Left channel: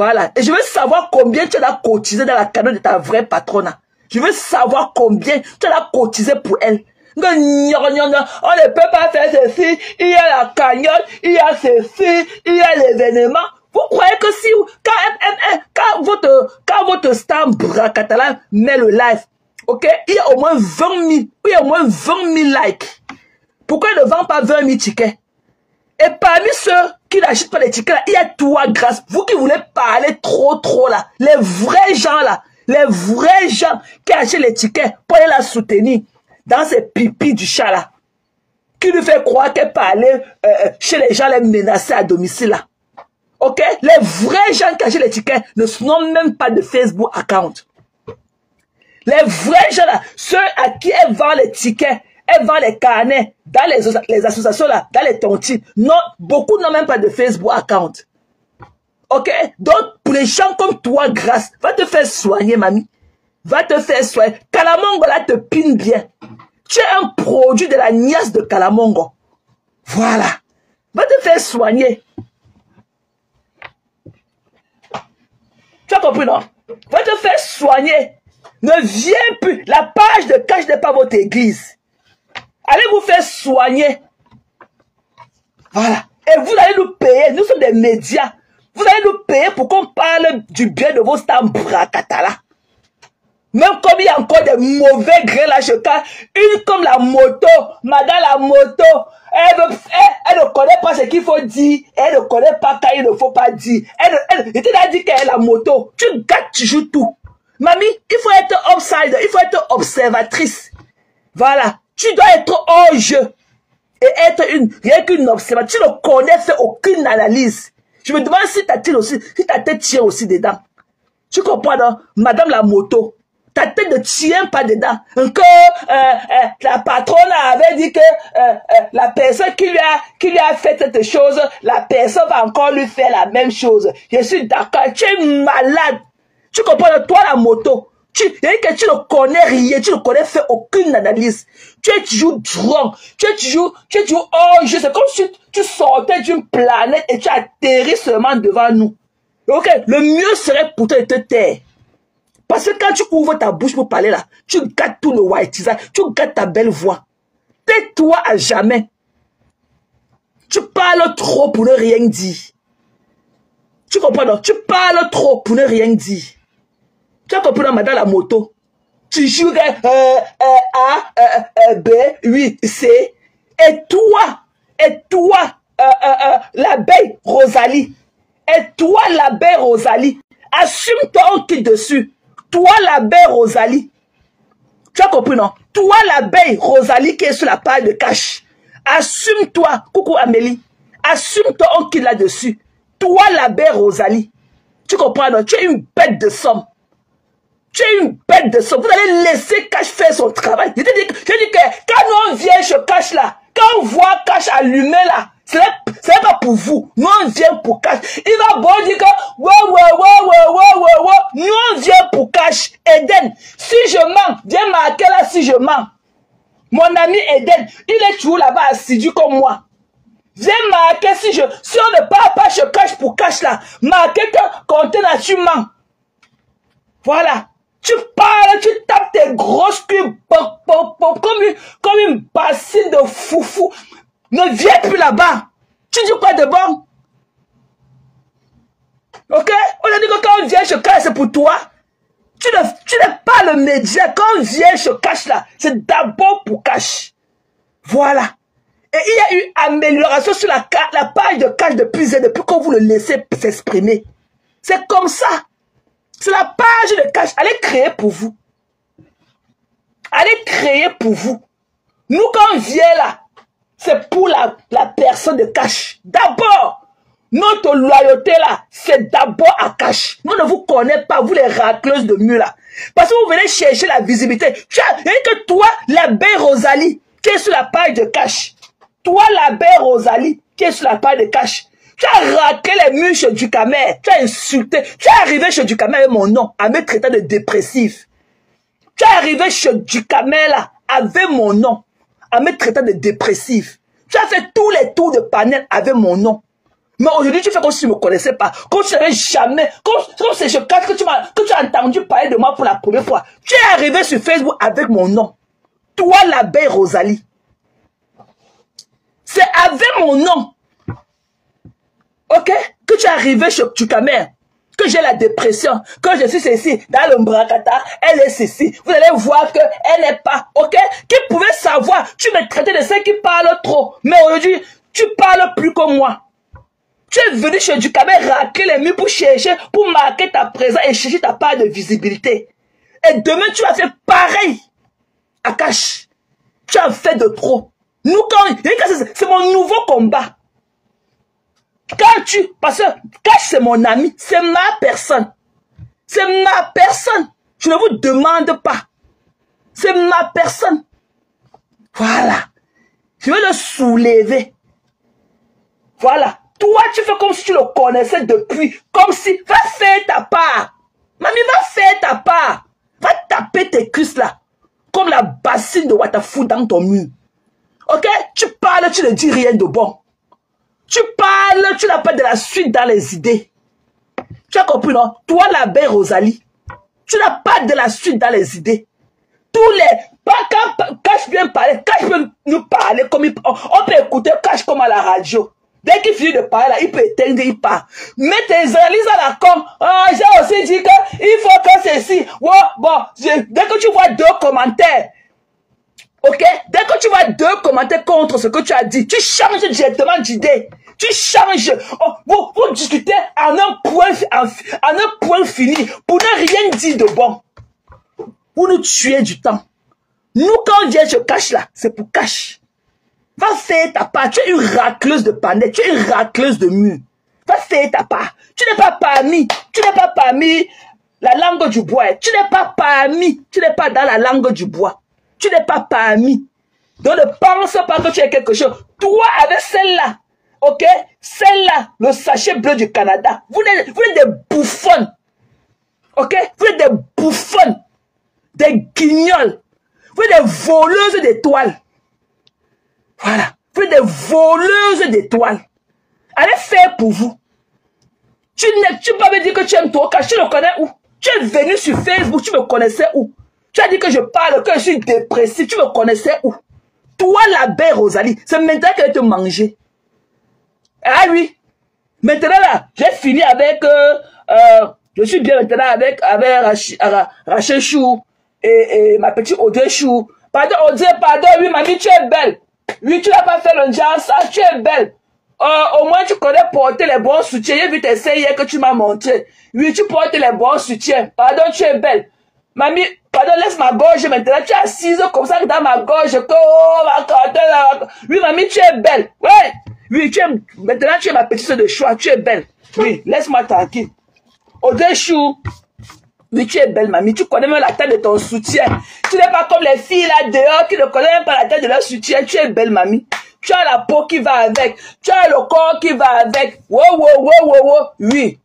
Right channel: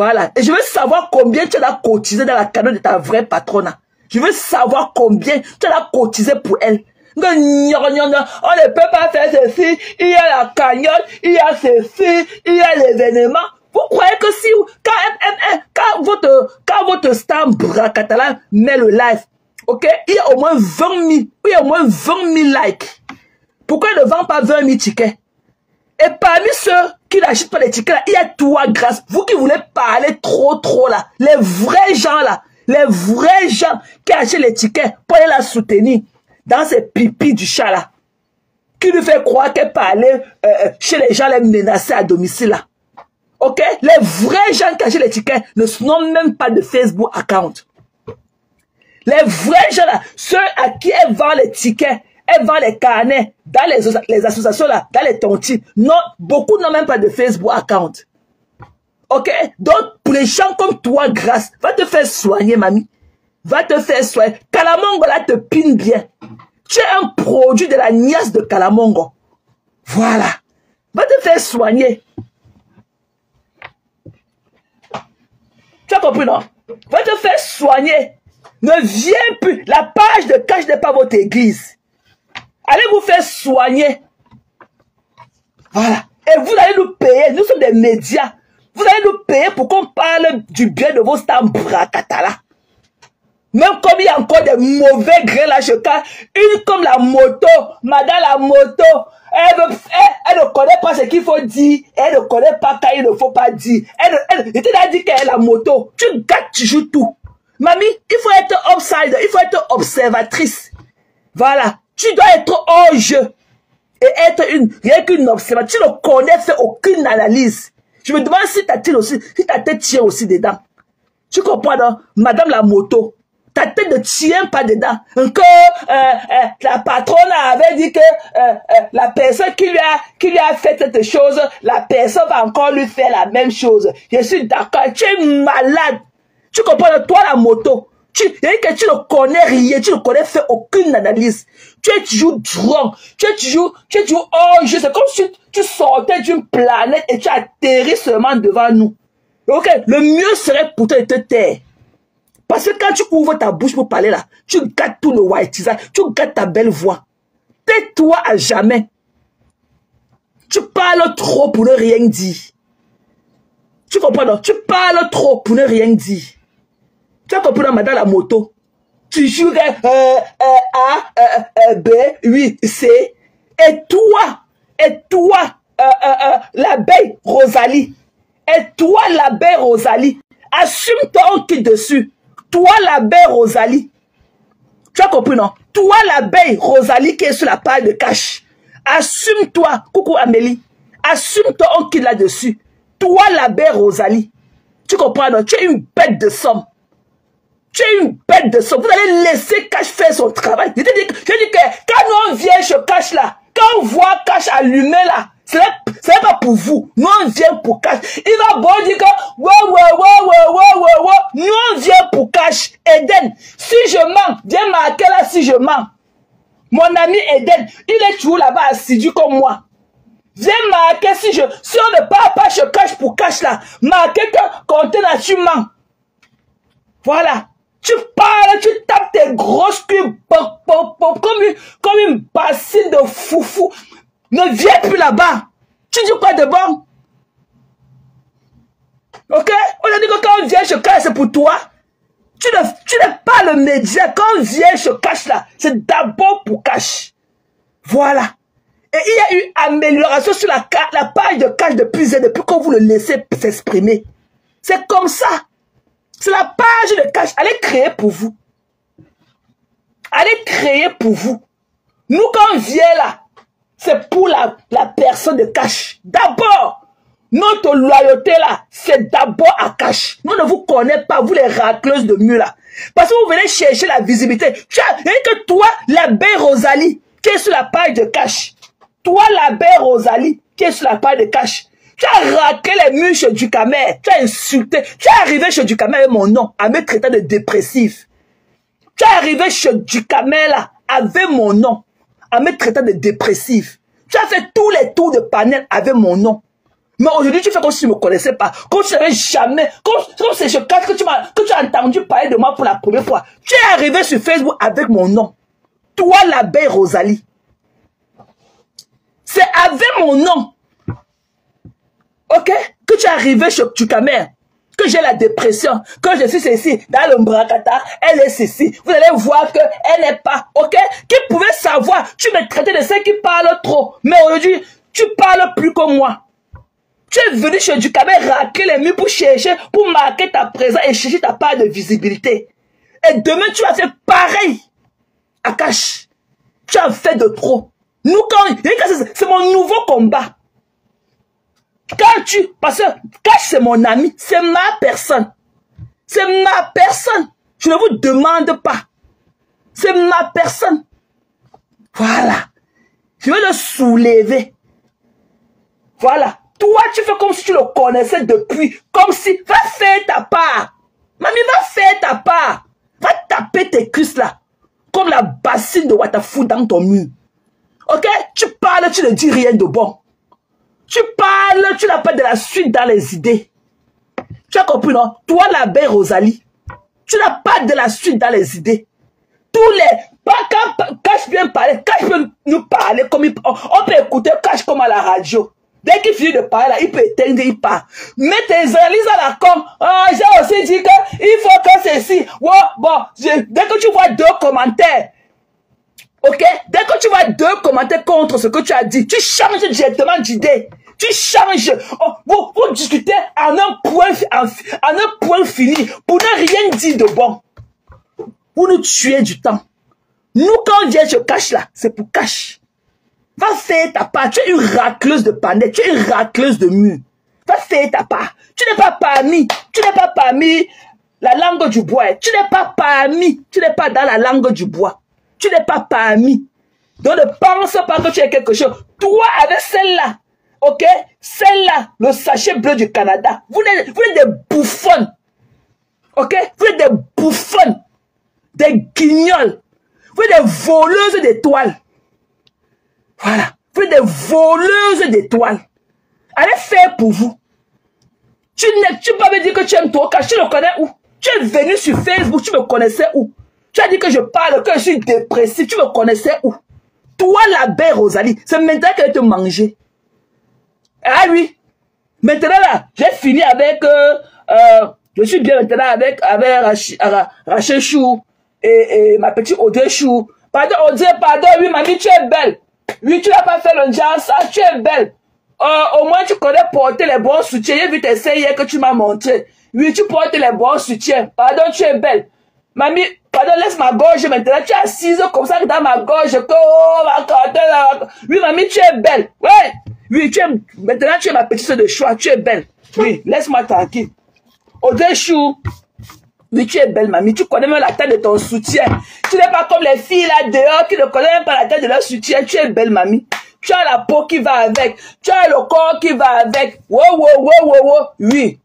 Voilà. Et je veux savoir combien tu as cotisé dans la cagnotte de ta vraie patronne. Je veux savoir combien tu as cotisé pour elle. On ne peut pas faire ceci. Il y a la cagnotte, il y a ceci, il y a l'événement. Vous croyez que si, quand votre star Bracatala met le live, ok, il y a au moins 20 000, il y a au moins 20 000 likes. Pourquoi il ne vend pas 20 000 tickets? Et parmi ceux qui n'achètent pas les tickets, là, il y a toi, grâce. Vous qui voulez parler trop là, les vrais gens là, les vrais gens qui achètent les tickets pour aller la soutenir dans ces pipis du chat là, qui lui fait croire qu'elle parlait chez les gens les menacés à domicile là. Ok? Les vrais gens qui achètent les tickets ne sont même pas de Facebook account. Les vrais gens là, ceux à qui elle vend les tickets, elle vend les carnets dans les associations là, dans les tontines. Non, beaucoup n'ont même pas de Facebook account. Ok? Donc, pour les gens comme toi, grâce, va te faire soigner, mamie. Va te faire soigner. Kalamongo là te pine bien. Tu es un produit de la niasse de Kalamongo. Voilà. Va te faire soigner. Tu as compris, non? Va te faire soigner. Ne viens plus. La page de cash n'est pas votre église. Allez vous faire soigner. Voilà. Et vous allez nous payer. Nous sommes des médias. Vous allez nous payer pour qu'on parle du bien de vos stars Bracatala. Même comme il y a encore des mauvais grés là, une comme la moto, madame la moto, elle ne connaît pas ce qu'il faut dire, elle ne connaît pas quand il ne faut pas dire. Elle t'a dit qu'elle est la moto, tu gâtes, tu joues tout. Mamie, il faut être outsider, il faut être observatrice. Voilà, tu dois être hors jeu et être rien qu'une observatrice. Tu ne connais fait aucune analyse. Je me demande si ta tête tient aussi dedans. Tu comprends, non? Madame la moto. Ta tête ne tient pas dedans. Que la patronne avait dit que la personne qui lui a fait cette chose, la personne va encore lui faire la même chose. Je suis d'accord. Tu es malade. Tu comprends, toi la moto. Tu ne connais rien. Tu ne connais fait aucune analyse. Tu es toujours drôle. Tu es toujours hors jeu. C'est comme si tu sortais d'une planète et tu atterris seulement devant nous. Ok, le mieux serait pour toi de te taire. Parce que quand tu ouvres ta bouche pour parler là, tu gâtes tout le white, tu gâtes ta belle voix. Tais-toi à jamais. Tu parles trop pour ne rien dire. Tu comprends donc? Tu parles trop pour ne rien dire. Tu as compris, madame la moto? Tu joues A, B, 8, C. Et toi, l'abeille Rosalie. Et toi, l'abeille Rosalie. Assume-toi au pied dessus. Toi, l'abeille Rosalie. Tu as compris, non? Toi, l'abeille Rosalie qui est sur la page de cash. Assume-toi. Coucou Amélie. Assume-toi au pied là-dessus. Toi, l'abeille Rosalie. Tu comprends, non? Tu es une bête de somme. Tu es une bête de somme. Vous allez laisser Cash faire son travail. Je dis que quand on vient chez Cash là, quand on voit Cash allumé là, c'est pas pour vous. Nous on vient pour Cash. Il va bon dire que nous on vient pour Cash. Eden, si je mens, viens marquer là si je mens. Mon ami Eden, il est toujours là-bas assidu comme moi. Viens marquer si on ne parle pas chez Cash pour Cash là, marquez que compter là tu mens. Voilà. Tu parles, tu tapes tes grosses cubes comme une bassine de foufou. Ne viens plus là-bas. Tu dis quoi de bon? Ok? On a dit que quand on vient chez Cash, c'est pour toi. Tu n'es pas le média. Quand on vient chez Cash là, c'est d'abord pour Cash. Voilà. Et il y a eu amélioration sur la page de Cash depuis que vous le laissez s'exprimer. C'est comme ça. C'est la page de Cash. Allez créer pour vous. Allez créer pour vous. Nous, quand on vient là, c'est pour la personne de Cash. D'abord, notre loyauté là, c'est d'abord à Cash. Nous ne vous connaissons pas, vous les racleuses de mur là. Parce que vous venez chercher la visibilité. Tu as que toi, l'abeille Rosalie, qui est sur la page de Cash. Toi, l'abeille Rosalie, qui est sur la page de Cash. Tu as raté les murs chez Ducamer. Tu as insulté. Tu es arrivé chez Ducamer avec mon nom, à me traiter de dépressif. Tu es arrivé chez Ducamer là, avec mon nom, à me traiter de dépressif. Tu as fait tous les tours de panel avec mon nom. Mais aujourd'hui, tu fais comme si tu ne me connaissais pas. Comme si tu n'avais jamais... Comme c'est je cache que tu as entendu parler de moi pour la première fois. Tu es arrivé sur Facebook avec mon nom. Toi, l'abeille Rosalie. C'est avec mon nom. Ok? Que tu es arrivé sur ta mère. Que j'ai la dépression. Que je suis ceci. Dans le Mbrakata, elle est ceci. Vous allez voir qu'elle n'est pas. Ok? Qui pouvait savoir? Tu me traitais de ceux qui parlent trop. Mais aujourd'hui, tu parles plus que moi. Tu es venu chez Dukabé racler les murs pour chercher, pour marquer ta présence et chercher ta part de visibilité. Et demain, tu vas faire pareil. Akash, tu as fait de trop. Nous, c'est mon nouveau combat. Parce que Kash, c'est mon ami, c'est ma personne. C'est ma personne. Je ne vous demande pas. C'est ma personne. Voilà. Je vais le soulever. Voilà. Toi, tu fais comme si tu le connaissais depuis. Comme si, va faire ta part. Mamie, va faire ta part. Va taper tes cuisses là. Comme la bassine de Watafu dans ton mur. Ok? Tu parles, tu ne dis rien de bon. Tu parles, tu n'as pas de la suite dans les idées. Tu as compris, non? Toi, l'abeille Rosalie, tu n'as pas de la suite dans les idées. Tous les... Quand je viens parler, quand je peux nous parler, comme on peut écouter Cash comme à la radio. Dès qu'il finit de parler, là, il peut éteindre, il part. Mais tes analyses à la com, j'ai aussi dit qu'il faut que ceci. Dès que tu vois 2 commentaires, ok? Dès que tu vois 2 commentaires contre ce que tu as dit, tu changes directement d'idée. Tu changes. Vous discutez en un point fini pour ne rien dire de bon. Pour nous tuer du temps. Nous, quand on dit je cache là, c'est pour cache. Va faire ta part. Tu es une racleuse de panneaux. Tu es une racleuse de murs. Va faire ta part. Tu n'es pas parmi la langue du bois. Tu n'es pas dans la langue du bois. Tu n'es pas parmi. Donc ne pense pas que tu es quelque chose. Toi, avec celle-là, ok? Celle-là, le sachet bleu du Canada. Vous êtes des bouffons. Ok? Vous êtes des bouffons. Des guignols. Vous êtes des voleuses d'étoiles. Voilà. Vous êtes des voleuses d'étoiles. Allez faire pour vous. Tu peux pas me dire que tu aimes toi, car tu le connais où? Tu es venu sur Facebook, tu me connaissais où? Tu as dit que je parle, que je suis dépressif, tu me connaissais où? Toi, l'abeille Rosalie, c'est maintenant qu'elle va te manger. Ah oui. Maintenant là, j'ai fini avec... je suis bien maintenant avec Rachel Chou et ma petite Audrey Chou. Pardon, Audrey, pardon, oui, mamie, tu es belle. Oui, tu n'as pas fait le genre, ça, tu es belle. Au moins, tu connais porter les bons soutiens. J'ai vu tes hier que tu m'as montré. Oui, tu portes les bons soutiens. Pardon, tu es belle. Mamie, pardon, laisse ma gorge maintenant. Tu es assise comme ça dans ma gorge. Oui, mamie, tu es belle. Ouais. Oui, maintenant, tu es ma petite soeur de choix. Tu es belle. Oui, laisse-moi tranquille. Audrey Chou. Oui, tu es belle, mamie. Tu connais même la taille de ton soutien. Tu n'es pas comme les filles là dehors qui ne connaissent même pas la taille de leur soutien. Tu es belle, mamie. Tu as la peau qui va avec. Tu as le corps qui va avec. Wow. Oui,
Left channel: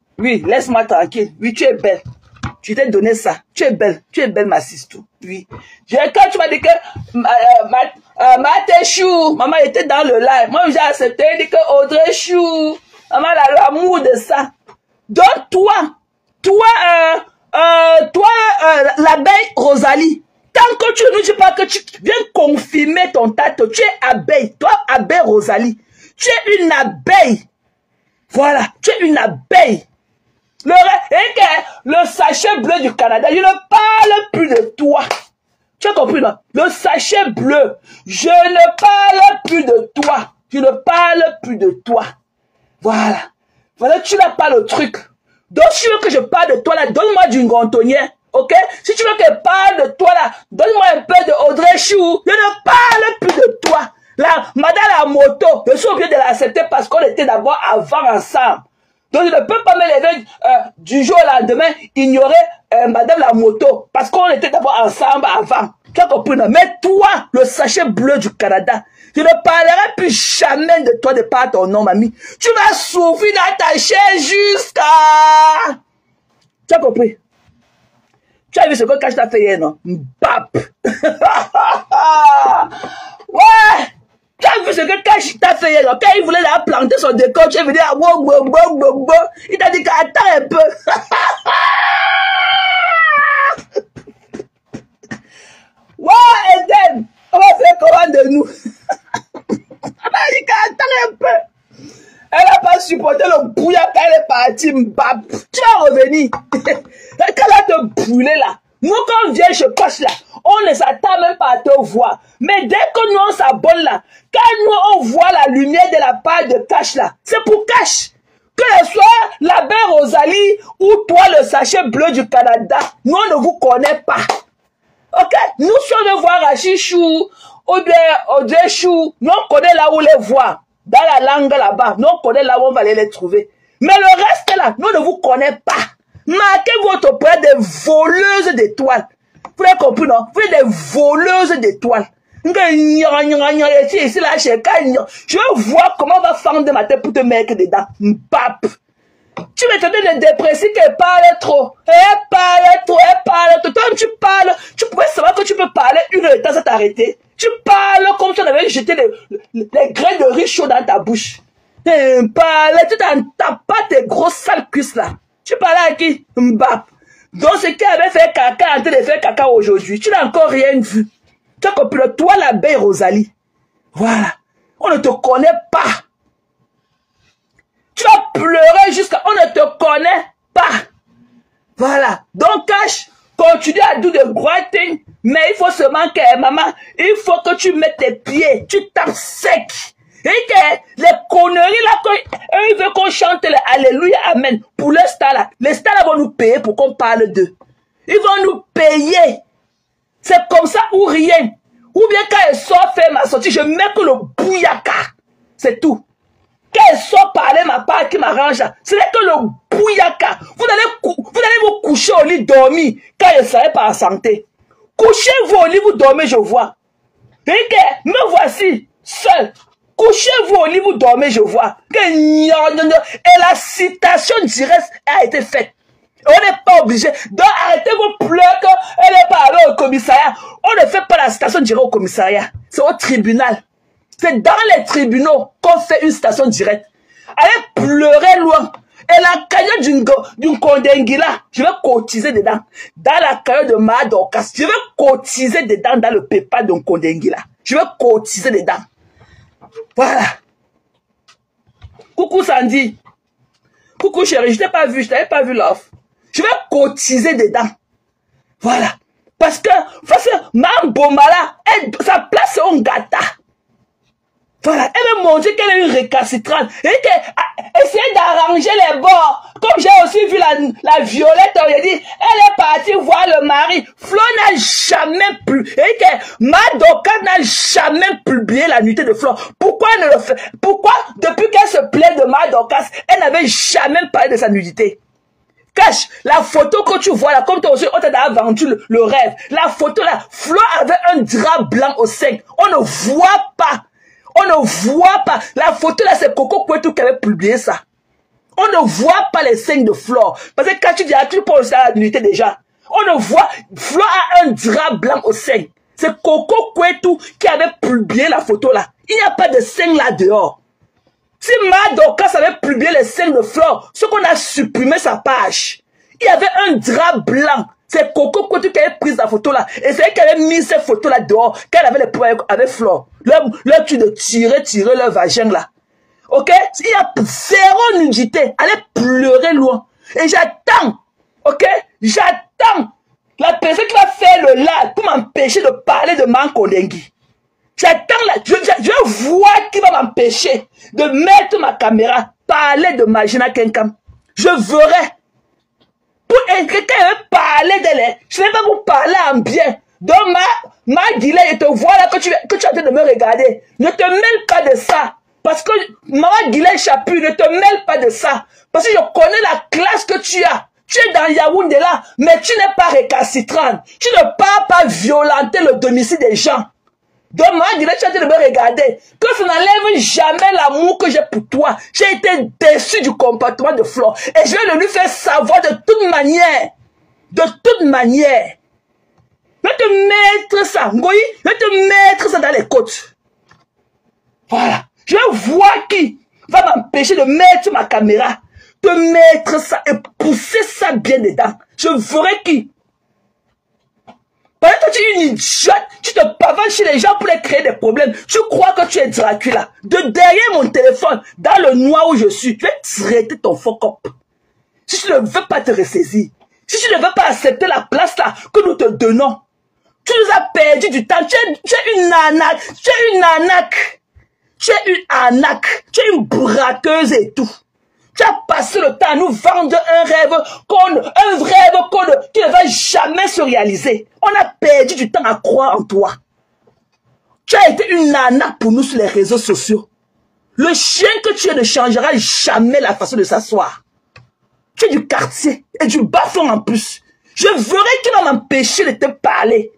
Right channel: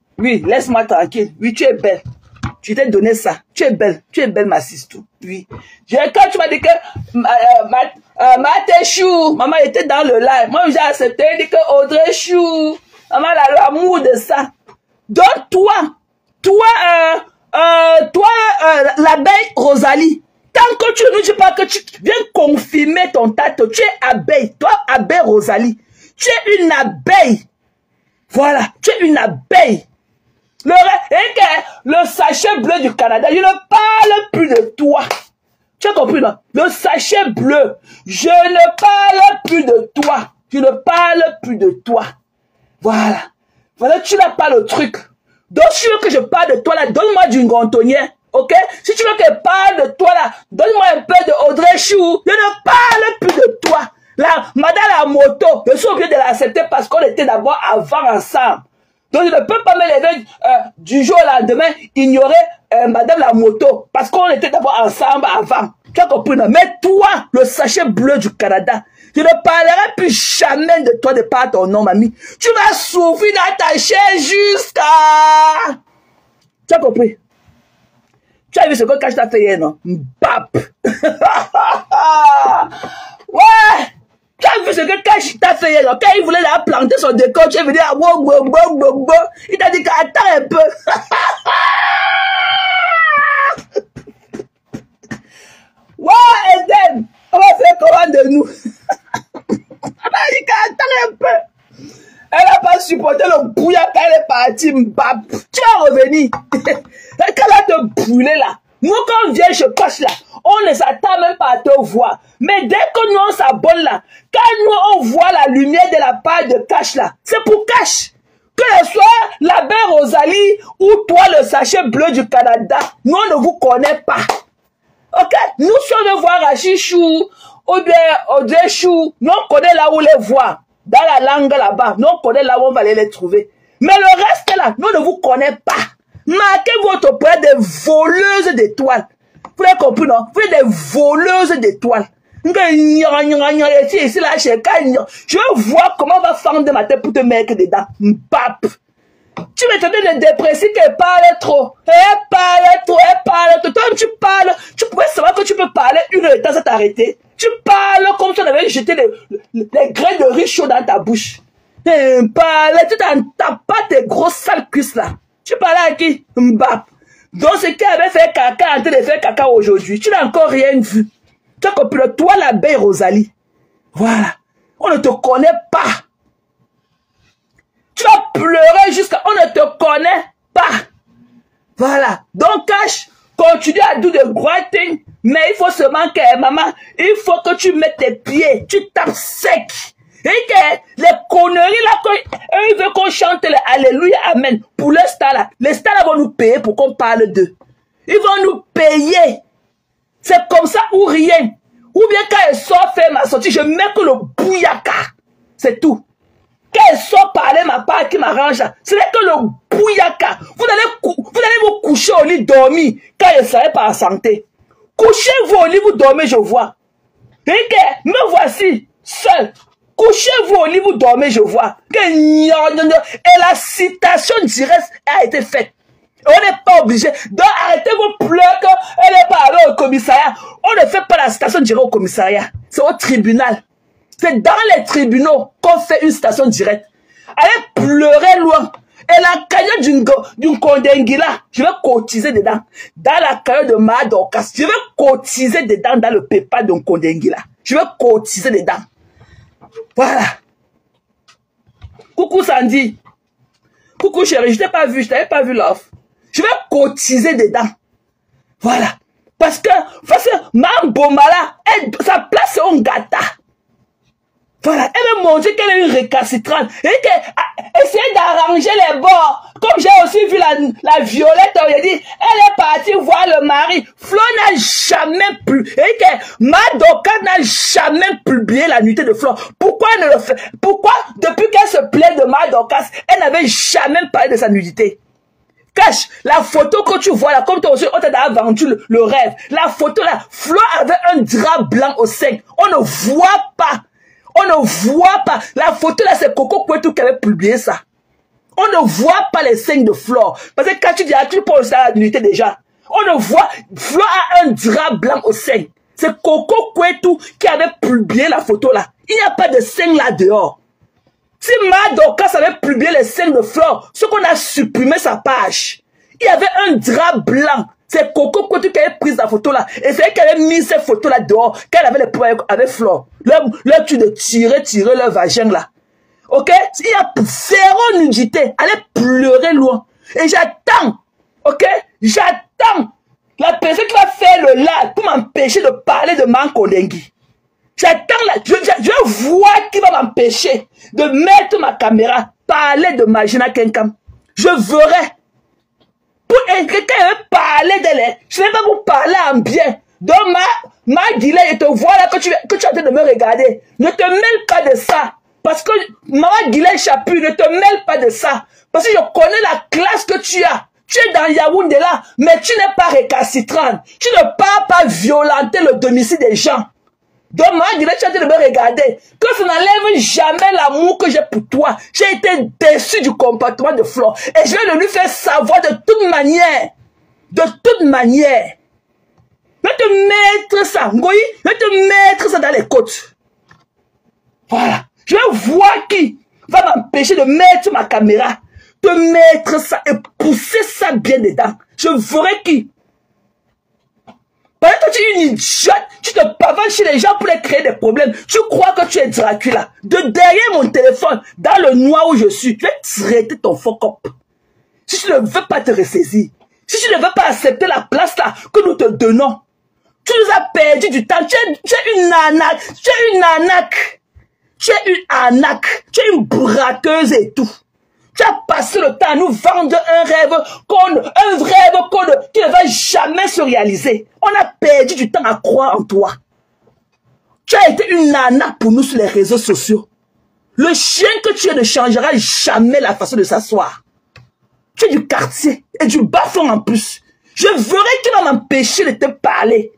laisse-moi tranquille. Oui, tu es belle. Je t'ai donné ça. Tu es belle, ma sister. Oui. Quand tu m'as dit que ma Chou, maman était dans le live. Moi, j'ai accepté, dit que Audrey Chou, maman a l'amour de ça. Donc, toi, l'abeille Rosalie, tant que tu ne dis pas que tu viens confirmer ton tato, tu es abeille. Toi, abeille Rosalie, tu es une abeille. Voilà, tu es une abeille. Le sachet bleu du Canada, je ne parle plus de toi. Tu as compris, non? Le sachet bleu, je ne parle plus de toi. Je ne parle plus de toi. Voilà. Voilà, tu n'as pas le truc. Donc, si tu veux que je parle de toi là, donne-moi du Gontonien, ok? Si tu veux que je parle de toi là, donne-moi un peu de Audrey Chou. Je ne parle plus de toi. Là, madame la moto, je suis obligé de l'accepter parce qu'on était d'abord avant ensemble. Donc, je ne peux pas me lever du jour au lendemain, ignorer madame la moto parce qu'on était d'abord ensemble avant. Tu as compris, non? Mais toi, le sachet bleu du Canada, je ne parlerai plus jamais de toi de par ton nom, mamie. Tu vas souffrir dans ta chaise jusqu'à... Tu as compris? Tu as vu ce que Cash t'a fait hier, non? Bap! Ouais! Tu as vu ce que Cash t'a fait là? Quand il voulait la planter son décor, tu es venu à il t'a dit qu'attends un peu. Ouais, Eden, on va faire comment de nous? Elle a dit qu'attends un peu. Elle n'a pas supporté le bouillard quand elle est partie. Tu vas revenir. Quand elle a te brûler là. Nous, quand on vient chez Cash là, on ne s'attend même pas à te voir. Mais dès que nous, on s'abonne là, quand nous, on voit la lumière de la part de Cash là, c'est pour Cash. Que ce soit la belle Rosalie ou toi, le sachet bleu du Canada, nous, on ne vous connaît pas. Ok? Nous, si on veut voir Rachichou ou bien Odéchou, nous, on connaît là où les voir. Dans la langue là-bas, nous, on connaît là où on va aller les trouver. Mais le reste là, nous ne vous connaissons pas. Marquez votre poids des voleuses d'étoiles. Vous avez compris, non? Vous êtes des voleuses d'étoiles. Je veux voir comment on va fendre ma tête pour te mettre dedans. Pape. Tu me donnes des dépressifs qui parlent trop. Elle parle trop. Toi, tu parles. Tu pourrais savoir que tu peux parler une heure de temps sans t'arrêter. Tu parles comme si on avait jeté des grains de riz chaud dans ta bouche. Parle, tu t'en tapes pas tes grosses sales cuisses là. Tu parles à qui? Mbap. Donc, c'est qui avait fait caca en train de faire caca aujourd'hui. Tu n'as encore rien vu. Tu as compris, toi, la belle Rosalie. Voilà. On ne te connaît pas. Tu as pleuré jusqu'à... On ne te connaît pas. Voilà. Donc, Cash, continue à do the great thing. Mais il faut seulement que, maman, il faut que tu mettes tes pieds. Tu tapes sec. Et que les conneries là, ils veulent qu'on chante les Alléluia, Amen. Pour les stars là. Les stars là vont nous payer pour qu'on parle d'eux. Ils vont nous payer. C'est comme ça ou rien. Ou bien quand elles sortent faire ma sortie, je mets que le bouyaka. C'est tout. Quand elles sortent parler ma part qui m'arrange, ce n'est que le bouyaka. Vous allez vous coucher au lit dormir quand elles ne seraient pas en santé. Couchez-vous au lit, vous dormez, je vois. Et que me voici seul. Couchez-vous au lit, vous dormez, je vois. Et la citation directe a été faite. On n'est pas obligé. Donc arrêtez vos pleurs qu'elle n'est pas allée au commissariat. On ne fait pas la citation directe au commissariat. C'est au tribunal. C'est dans les tribunaux qu'on fait une citation directe. Allez pleurer loin. Et la cagnotte d'une Kondengila, je vais cotiser dedans. Dans la cagnotte de Madokas, je vais cotiser dedans dans le PayPal d'un Kondengila. Je vais cotiser dedans. Voilà. Coucou Sandy. Coucou chérie, je t'ai pas vu, je t'avais pas vu l'offre. Je vais cotiser dedans. Voilà. Parce que Mme Bomala, sa place c'est un gata. Voilà. Elle veut montrer qu'elle est une récalcitrante. Et qu'elle essaie d'arranger les bords. Comme j'ai aussi vu la Violette, on a dit, elle est partie voir le mari. Flo n'a jamais pu. Et que Madoka n'a jamais publié la nuitée de Flo. Pourquoi elle ne le fait? Pourquoi, depuis qu'elle se plaint de Madoka, elle n'avait jamais parlé de sa nudité? Cache, la photo que tu vois là, comme toi aussi, on t'a vendu le rêve. La photo là, Flo avait un drap blanc au sein. On ne voit pas. On ne voit pas. La photo là, c'est Coco Kwetu qui avait publié ça. On ne voit pas les seins de Flore. Parce que quand tu dis, tu penses à l'unité déjà. On ne voit, Flore a un drap blanc au sein. C'est Coco Kwetu qui avait publié la photo là. Il n'y a pas de seins là dehors. Si Madoka avait publié les seins de Flore, ce qu'on a supprimé sa page. Il y avait un drap blanc. C'est Coco Kwetu qui avait pris la photo là. Et c'est elle qui avait mis cette photo là dehors. Quand elle avait les problèmes avec Flore. Leur tu de tirer leur vagin là. Ok? Il y a zéro nudité. Allez pleurer loin. Et j'attends. Ok? J'attends la personne qui va faire le live pour m'empêcher de parler de Mankodengui. J'attends là. Je vois qui va m'empêcher de mettre ma caméra, parler de Magina Kenkam. Je verrai. Pour quelqu'un veut parler d'elle, je ne vais pas vous parler en bien. Donc ma Guillet, je te vois là que tu es en train de me regarder. Ne te mêle pas de ça. Parce que Maman Guillet Chapu, ne te mêle pas de ça. Parce que je connais la classe que tu as. Tu es dans Yaoundé là, mais tu n'es pas récalcitrant. Tu ne pars pas violenter le domicile des gens. Donc Maman Guillet, tu es en train de me regarder. Que ça n'enlève jamais l'amour que j'ai pour toi. J'ai été déçu du comportement de Flore. Et je vais le lui faire savoir de toute manière. De toute manière. Je vais te mettre ça, Ngoyi, je vais te mettre ça dans les côtes. Voilà. Je vais voir qui va m'empêcher de mettre ma caméra, de mettre ça et pousser ça bien dedans. Je verrai qui. Pendant que tu es une idiote, tu te pavanes chez les gens pour les créer des problèmes. Tu crois que tu es Dracula. De derrière mon téléphone, dans le noir où je suis, tu vas traiter ton fuck up. Si tu ne veux pas te ressaisir, si tu ne veux pas accepter la place là que nous te donnons, tu nous as perdu du temps. Tu es une arnaque. Tu es une arnaque. Tu es une arnaque. Tu es une braqueuse et tout. Tu as passé le temps à nous vendre un rêve qui ne va jamais se réaliser. On a perdu du temps à croire en toi. Tu as été une arnaque pour nous sur les réseaux sociaux. Le chien que tu es ne changera jamais la façon de s'asseoir. Tu es du quartier et du bas-fond en plus. Je verrai qui va m'empêcher de te parler.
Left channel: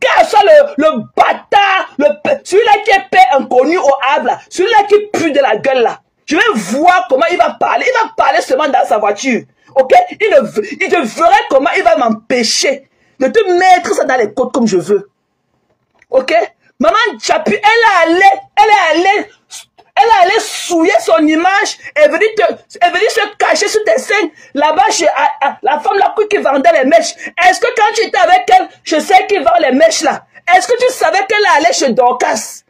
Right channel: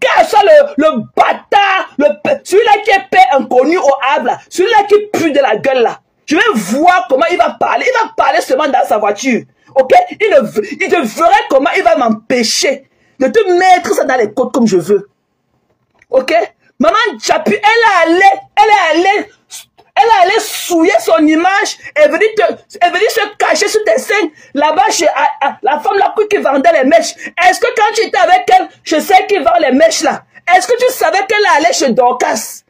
Quel soit le bâtard, celui-là qui est père inconnu au Havre, celui-là qui pue de la gueule là. Je vais voir comment il va parler. Il va parler seulement dans sa voiture. Ok? Il te verra comment il va m'empêcher de te mettre ça dans les côtes comme je veux. Ok? Maman Chapi, elle est allée souiller son image et venir se cacher sur tes scènes là-bas chez la femme là qui vendait les mèches. Est-ce que quand tu étais avec elle, je sais qui vend les mèches là? Est-ce que tu savais qu'elle allait chez Dorcas?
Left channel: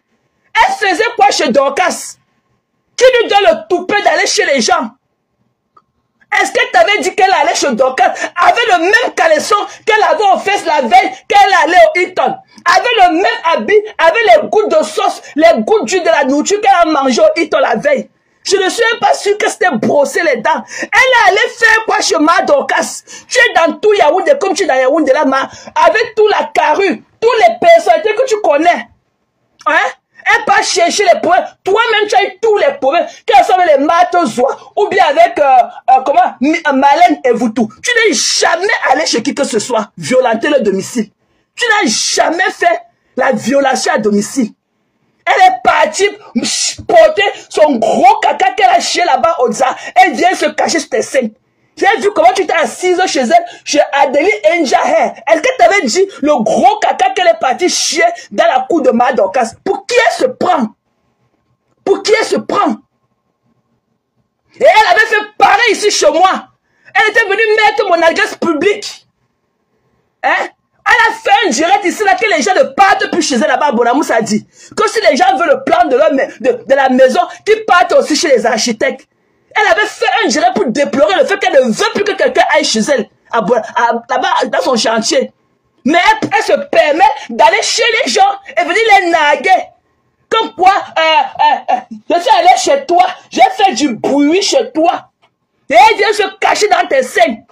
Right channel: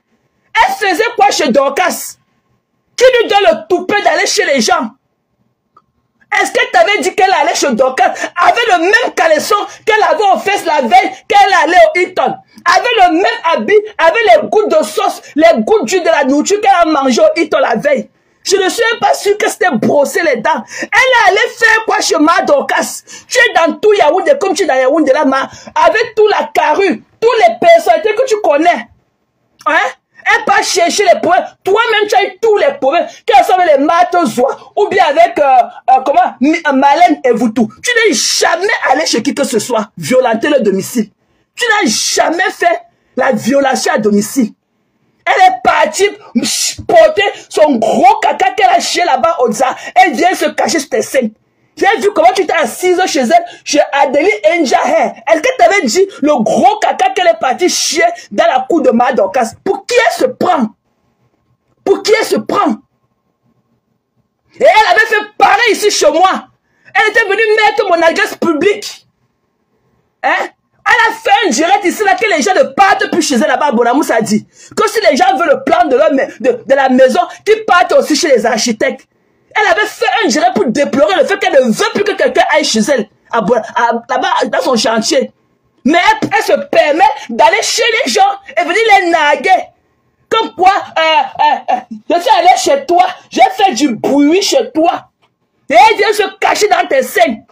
Elle faisait quoi chez Dorcas? Qui lui donne le toupet d'aller chez les gens? Est-ce qu'elle t'avait dit qu'elle allait chez Dorcas avec le même caleçon qu'elle avait en face la veille qu'elle allait au Hilton? Avec le même habit, avec les gouttes de sauce, les gouttes d'huile de la nourriture qu'elle a mangé au Hilton la veille. Je ne suis même pas sûr que c'était brosser les dents. Elle allait faire quoi chez Ma Dorcas? Tu es dans tout Yaoundé comme tu es dans Yaoundé là, avec tout la carrue, tous les personnalités que tu connais. Hein? Elle part chercher les problèmes. Toi-même, tu as eu tous les problèmes. Qu'elles sont les Matozoa ou bien avec Malène et Voutou. Tu n'es jamais allé chez qui que ce soit violenter le domicile. Tu n'as jamais fait la violation à domicile. Elle est partie porter son gros caca qu'elle a chié là-bas au Za. Elle vient se cacher sur tes scènes. J'ai vu comment tu étais assise chez elle, chez Adélie Enjaher. Est-ce qu'elle t'avait dit le gros caca qu'elle est partie chier dans la cour de Ma Dorcas? Pour qui elle se prend? Pour qui elle se prend? Et elle avait fait pareil ici chez moi. Elle était venue mettre mon adresse publique. Hein? Elle a fait un direct ici là que les gens ne partent plus chez elle là-bas. Bonamous a dit que si les gens veulent le plan de la maison, qu'ils partent aussi chez les architectes. Elle avait fait un direct pour déplorer le fait qu'elle ne veut plus que quelqu'un aille chez elle, là-bas, dans son chantier. Mais elle se permet d'aller chez les gens et venir les naguer. Comme quoi, je suis allé chez toi, j'ai fait du bruit chez toi. Et elle vient se cacher dans tes scènes.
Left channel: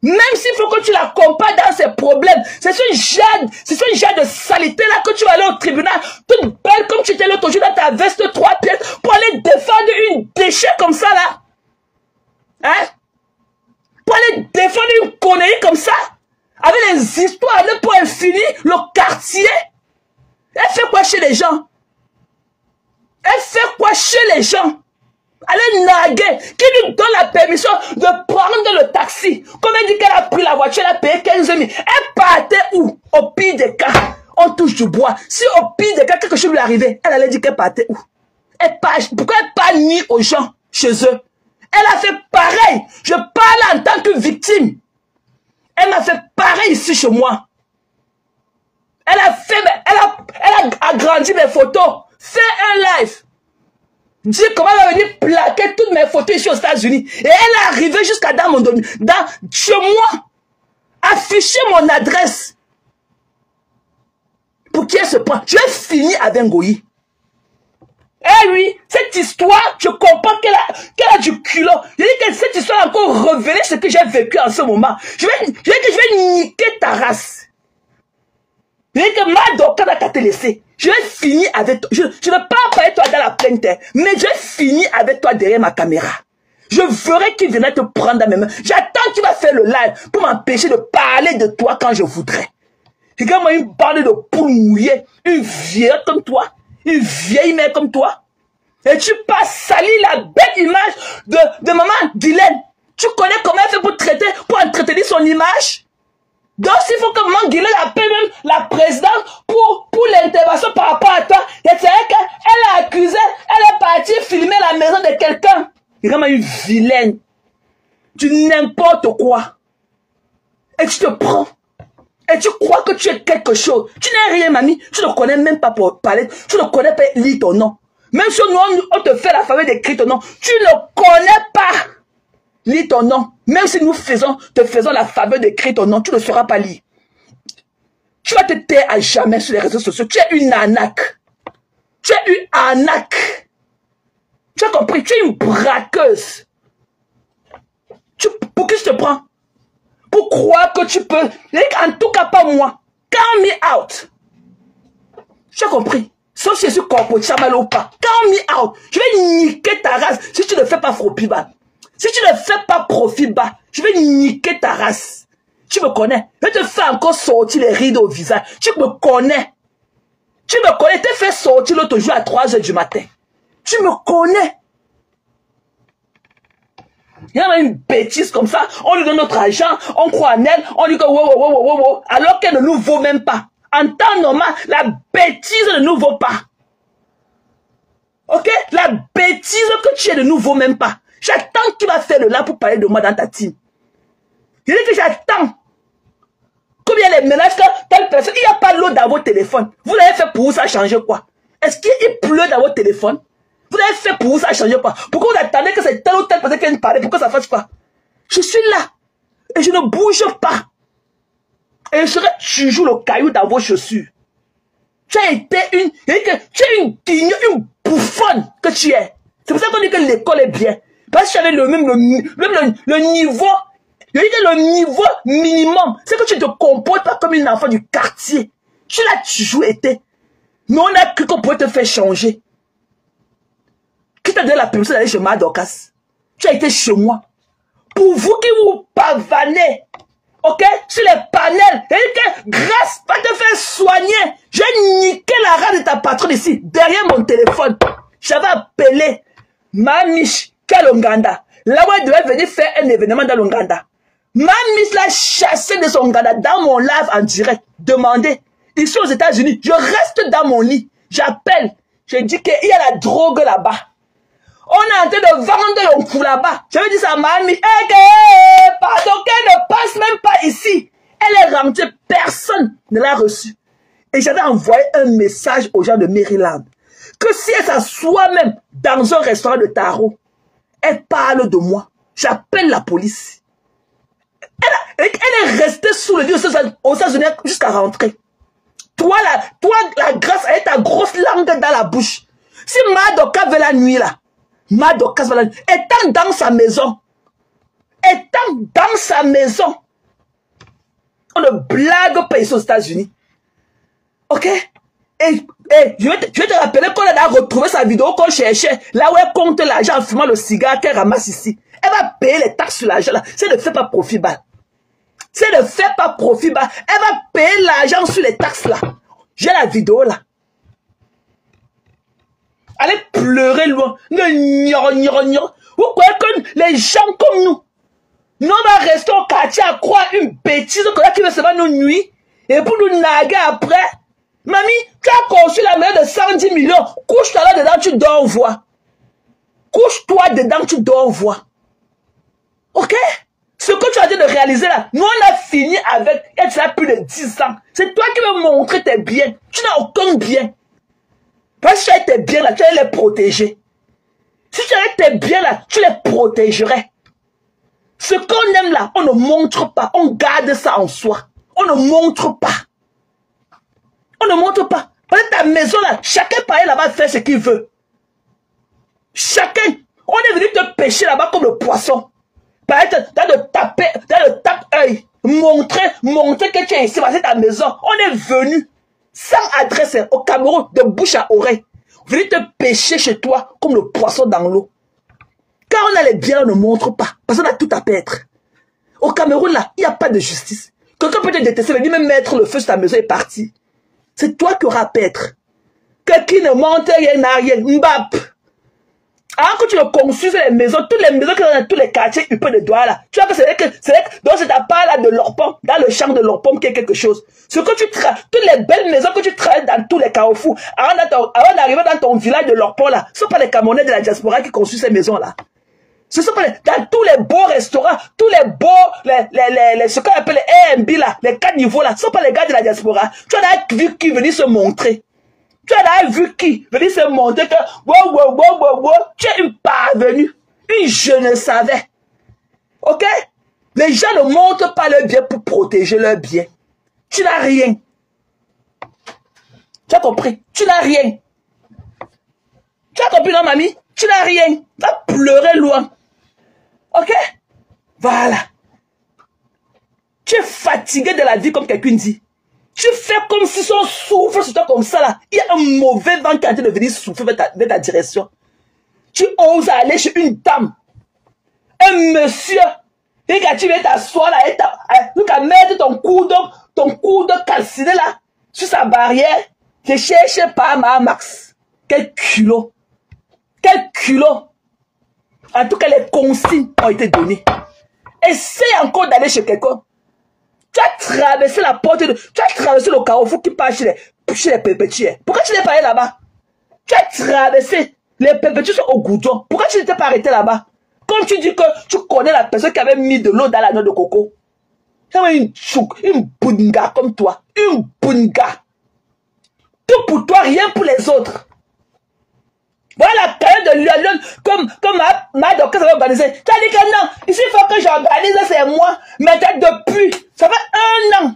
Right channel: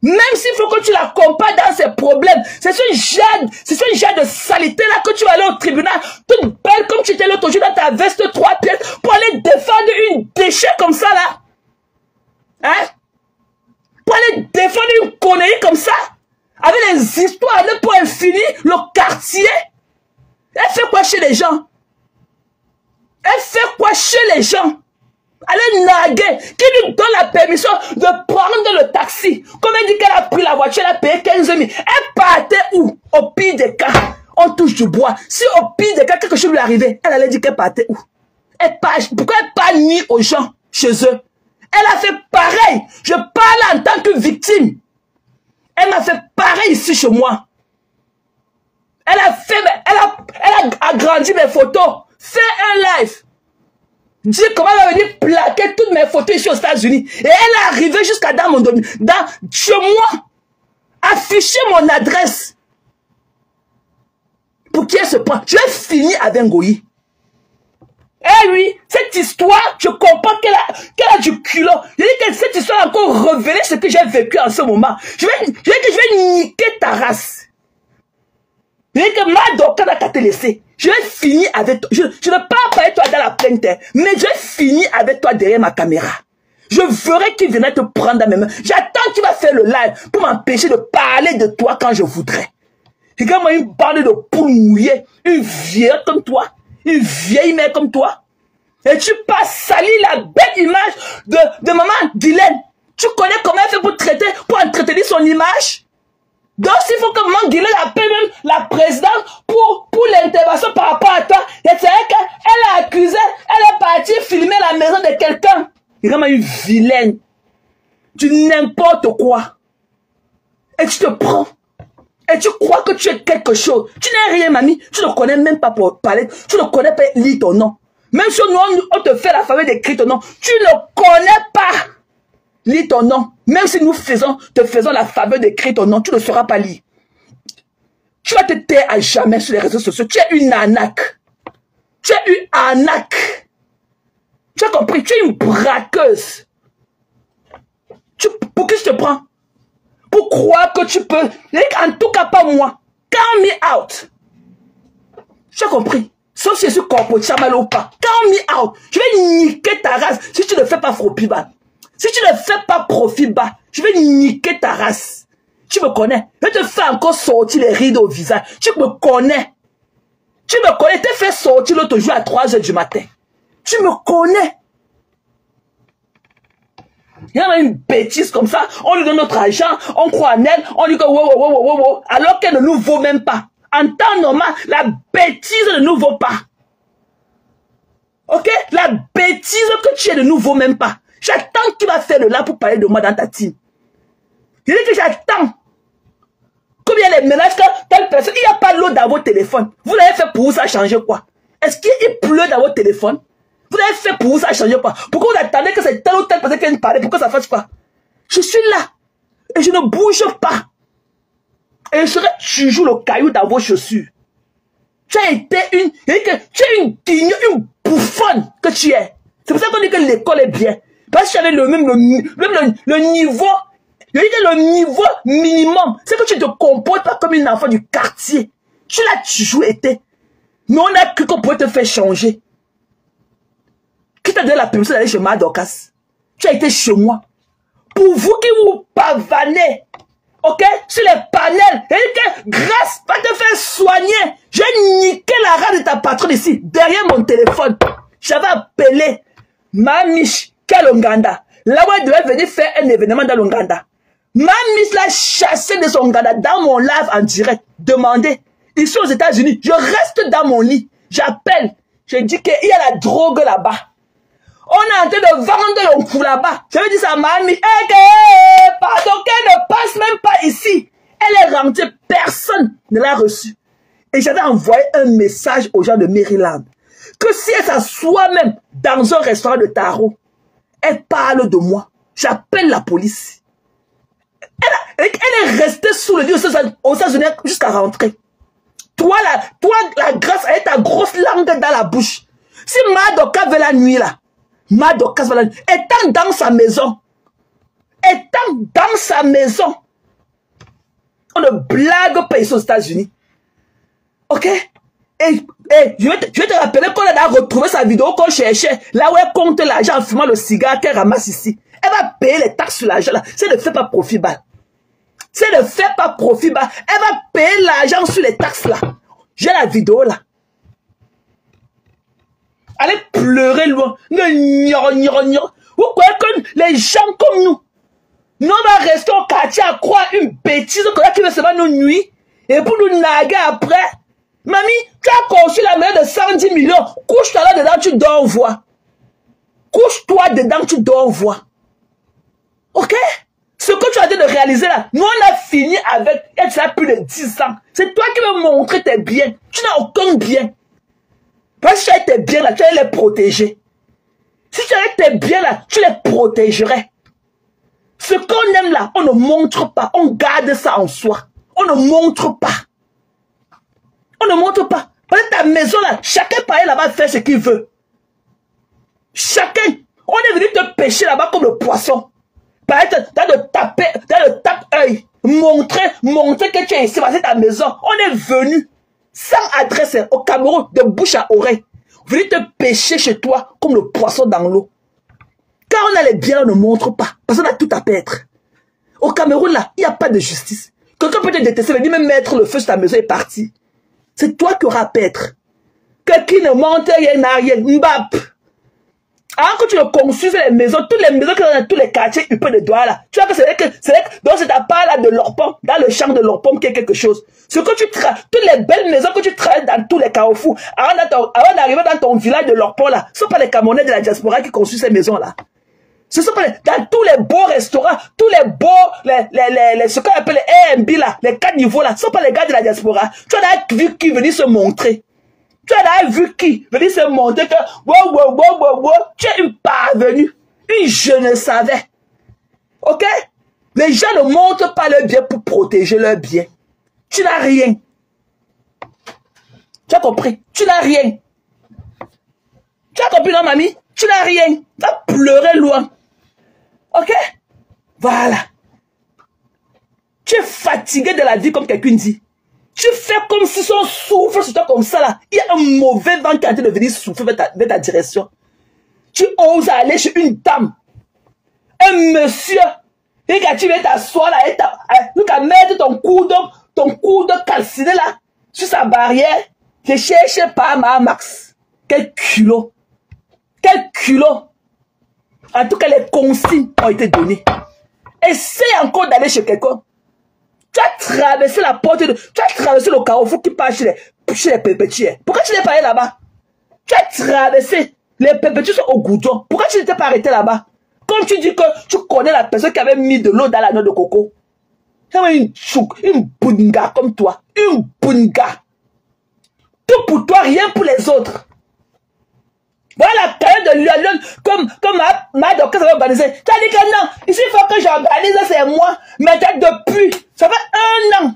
Même s'il faut que tu l'accompagnes dans ses problèmes, c'est ce genre de saleté là que tu vas aller au tribunal, toute belle comme tu étais l'autre jour dans ta veste 3 pièces pour aller défendre une déchet comme ça là. Hein? Pour aller défendre une connerie comme ça, avec les histoires de pour infini, le quartier. Elle fait quoi chez les gens? Elle fait quoi chez les gens? Elle est naguée. Qui lui donne la permission de prendre le taxi? Comme elle dit qu'elle a pris la voiture, elle a payé 15 000. Elle partait où? Au pire des cas, on touche du bois. Si au pire des cas, quelque chose lui arrivait, elle allait dire qu'elle partait où? Pourquoi elle parle ni aux gens chez eux? Elle a fait pareil. Je parle en tant que victime. Elle a fait pareil ici chez moi. Elle a agrandi mes photos. Fait un live. Dis comment elle va venir plaquer toutes mes photos ici aux États-Unis. Et elle est arrivée jusqu'à chez moi. Afficher mon adresse. Pour qui elle se prend? Je vais finir avec Ngoyi. Eh oui, cette histoire, je comprends qu'elle a du culot. Je dis que cette histoire a encore révélé ce que j'ai vécu en ce moment. Je vais niquer ta race. Je dis que Ma Dorcas n'a qu'à te laisser. Je vais finir avec toi. Je ne vais pas parler toi dans la pleine terre, mais je vais finir avec toi derrière ma caméra. Je verrai qui viendra te prendre dans mes mains. J'attends qu'il va faire le live pour m'empêcher de parler de toi quand je voudrais. Regarde-moi une bande de poules mouillées, une vieille comme toi, une vieille mère comme toi. Et tu passes salir la belle image de maman Guylaine. Tu connais comment elle fait pour entretenir son image? Donc, s'il faut que Manguilé appelle même la présidente pour l'intervention par rapport à toi, c'est vrai qu'elle a accusé, elle est partie filmer la maison de quelqu'un. Il est vraiment une vilaine. Tu n'importe quoi. Et tu te prends. Et tu crois que tu es quelque chose. Tu n'es rien, mamie. Tu ne connais même pas pour parler. Tu ne connais pas lire ton nom. Même si on te fait la faveur d'écrire ton nom, tu ne connais pas lire ton nom. Même si nous te faisons la faveur d'écrire ton nom, tu ne sauras pas lire. Tu vas te taire à jamais sur les réseaux sociaux. Tu es une arnaque. Tu es une arnaque. Tu as compris? Tu es une braqueuse. Pour qui je te prends? Pour croire que tu peux. En tout cas, pas moi. Count me out. Tu as compris? Sauf si je suis corpo, chamal ou pas. Count me out. Je vais niquer ta race si tu ne fais pas profit bas. Si tu ne fais pas profit bas, je vais niquer ta race. Tu me connais. Je te fais encore sortir les rides au visage. Tu me connais. Tu me connais. Je te fais sortir l'autre jour à 3 h du matin. Tu me connais. Il y a une bêtise comme ça. On lui donne notre argent. On croit en elle. On lui dit wow, alors qu'elle ne nous vaut même pas. En temps normal, la bêtise ne nous vaut pas. Ok? La bêtise que tu es ne nous vaut même pas. J'attends qu'il va faire de là pour parler de moi dans ta team. Il dit que j'attends. Combien les ménages que telle personne, il n'y a pas l'eau dans votre téléphone. Vous l'avez fait pour vous, ça changer quoi? Est-ce qu'il pleut dans votre téléphone? Vous l'avez fait pour vous, ça changer quoi? Pourquoi vous attendez que c'est telle ou telle personne qui vienne parler? Pourquoi ça fasse quoi? Je suis là. Et je ne bouge pas. Et je serai toujours le caillou dans vos chaussures. Tu as été une bouffonne que tu es. C'est pour ça qu'on dit que l'école est bien. Parce que tu avais le niveau. Le niveau minimum. C'est que tu te comportes pas comme une enfant du quartier. Tu l'as toujours été. Mais on a cru qu'on pouvait te faire changer. Qui t'a donné la permission d'aller chez Madokas? Tu as été chez moi. Pour vous qui vous pavanez, ok, sur les panels, et que grâce va te faire soigner. J'ai niqué la rade de ta patronne ici, derrière mon téléphone. J'avais appelé Manish Kalonganda. Là où elle devait venir faire un événement dans l'Ouganda. Manish l'a chassé de son Ouganda dans mon live en direct. Demandez. Ici aux États-Unis, je reste dans mon lit. J'appelle. Je dis qu'il y a la drogue là-bas. On est en train de vendre le coup là-bas. Je veux dire ça, mamie. Pardon, qu'elle ne passe même pas ici. Elle est rentrée. Personne ne l'a reçue. Et j'avais envoyé un message aux gens de Maryland. Que si elle s'assoit même dans un restaurant de tarot, elle parle de moi. J'appelle la police. Elle est restée sous le lit aux États-Unis jusqu'à rentrer. Toi, la grâce avec ta grosse langue dans la bouche. Si Madoka veut la nuit là, Madoka veut la nuit, étant dans sa maison, on ne blague pas ici aux États-Unis. Ok? Et je vais te rappeler qu'on a retrouvé sa vidéo qu'on cherchait, là où elle compte l'argent en fumant le cigare qu'elle ramasse ici. Elle va payer les taxes sur l'argent là. Si elle ne fait pas profit bas. Si elle ne fait pas profit bas, elle va payer l'argent sur les taxes là. J'ai la vidéo là. Allez pleurer loin. Vous croyez que les gens comme nous on va rester au quartier à croire une bêtise qui veut se faire nos nuits et pour nous naguer après. Mamie, tu as conçu la maison de 110 millions. Couche-toi là dedans, tu dors voir. Couche-toi dedans, tu dors voir. Ok? Ce que tu as dit de réaliser là, nous on a fini avec, et ça a plus de 10 ans. C'est toi qui veux montrer tes biens. Tu n'as aucun bien. Parce que si tu as tes biens là, tu allais les protéger. Si tu avais tes biens là, tu les protégerais. Ce qu'on aime là, on ne montre pas. On garde ça en soi. On ne montre pas. On ne montre pas. Parce que ta maison là, chacun par là-bas faire ce qu'il veut. Chacun. On est venu te pêcher là-bas comme le poisson. Par exemple, dans le tape-œil. Montrer que tu es ici, c'est ta maison. On est venu sans adresse au Cameroun de bouche à oreille. Venu te pêcher chez toi comme le poisson dans l'eau. Quand on a les biens, on ne montre pas. Parce qu'on a tout à perdre. Au Cameroun, là, il n'y a pas de justice. Quelqu'un peut te détester, mais même mettre le feu sur ta maison et partir. C'est toi qui auras à perdre. Quelqu'un ne monte rien n'a rien. Mbap. Alors que tu construis les maisons, toutes les maisons qui sont dans tous les quartiers, il peut de doigts là. Tu vois que donc c'est ta part là de l'Orpom, dans le champ de l'Orpom qui est quelque chose. Ce que tu travailles, toutes les belles maisons que tu travailles dans tous les carrefours, avant d'arriver dans ton village de l'Orpom là, ce ne sont pas les Camerounais de la diaspora qui construisent ces maisons là. Ce sont pas dans tous les beaux restaurants, tous les beaux, ce qu'on appelle les Airbnb là, les 4 niveaux là, ce ne sont pas les gars de la diaspora. Tu as vu qui venir se montrer. Tu as vu qui venir se montrer que, tu es une parvenue, une je ne savais. Ok? Les gens ne montrent pas leur bien pour protéger leur bien. Tu n'as rien. Tu as compris? Tu n'as rien. Tu as compris non, mamie? Tu n'as rien. Tu vas pleurer loin. Ok? Voilà. Tu es fatigué de la vie comme quelqu'un dit. Tu fais comme si son souffle sur toi comme ça là. Il y a un mauvais vent qui est en train de venir souffler vers ta direction. Tu oses aller chez une dame. Un monsieur. Et quand tu viens t'asseoir là, tu vas mettre ton coude calciné là, sur sa barrière. Tu cherches pas ma Max. Quel culot. Quel culot. En tout cas, les consignes ont été données. Essaye encore d'aller chez quelqu'un. Tu as traversé la porte, tu as traversé le carrefour qui passe chez les pépétiers. Pourquoi tu n'es pas allé là-bas? Tu as traversé, les pépétiers sont au goudron. Pourquoi tu n'étais pas arrêté là-bas? Comme tu dis que tu connais la personne qui avait mis de l'eau dans la noix de coco. C'est une bunga comme toi. Une bunga. Tout pour toi, rien pour les autres. Voilà la période de Lyon, comme ma docteur s'est organisée. Tu as dit que non, ici il faut que j'organise, c'est moi. Mais depuis, ça fait 1 an.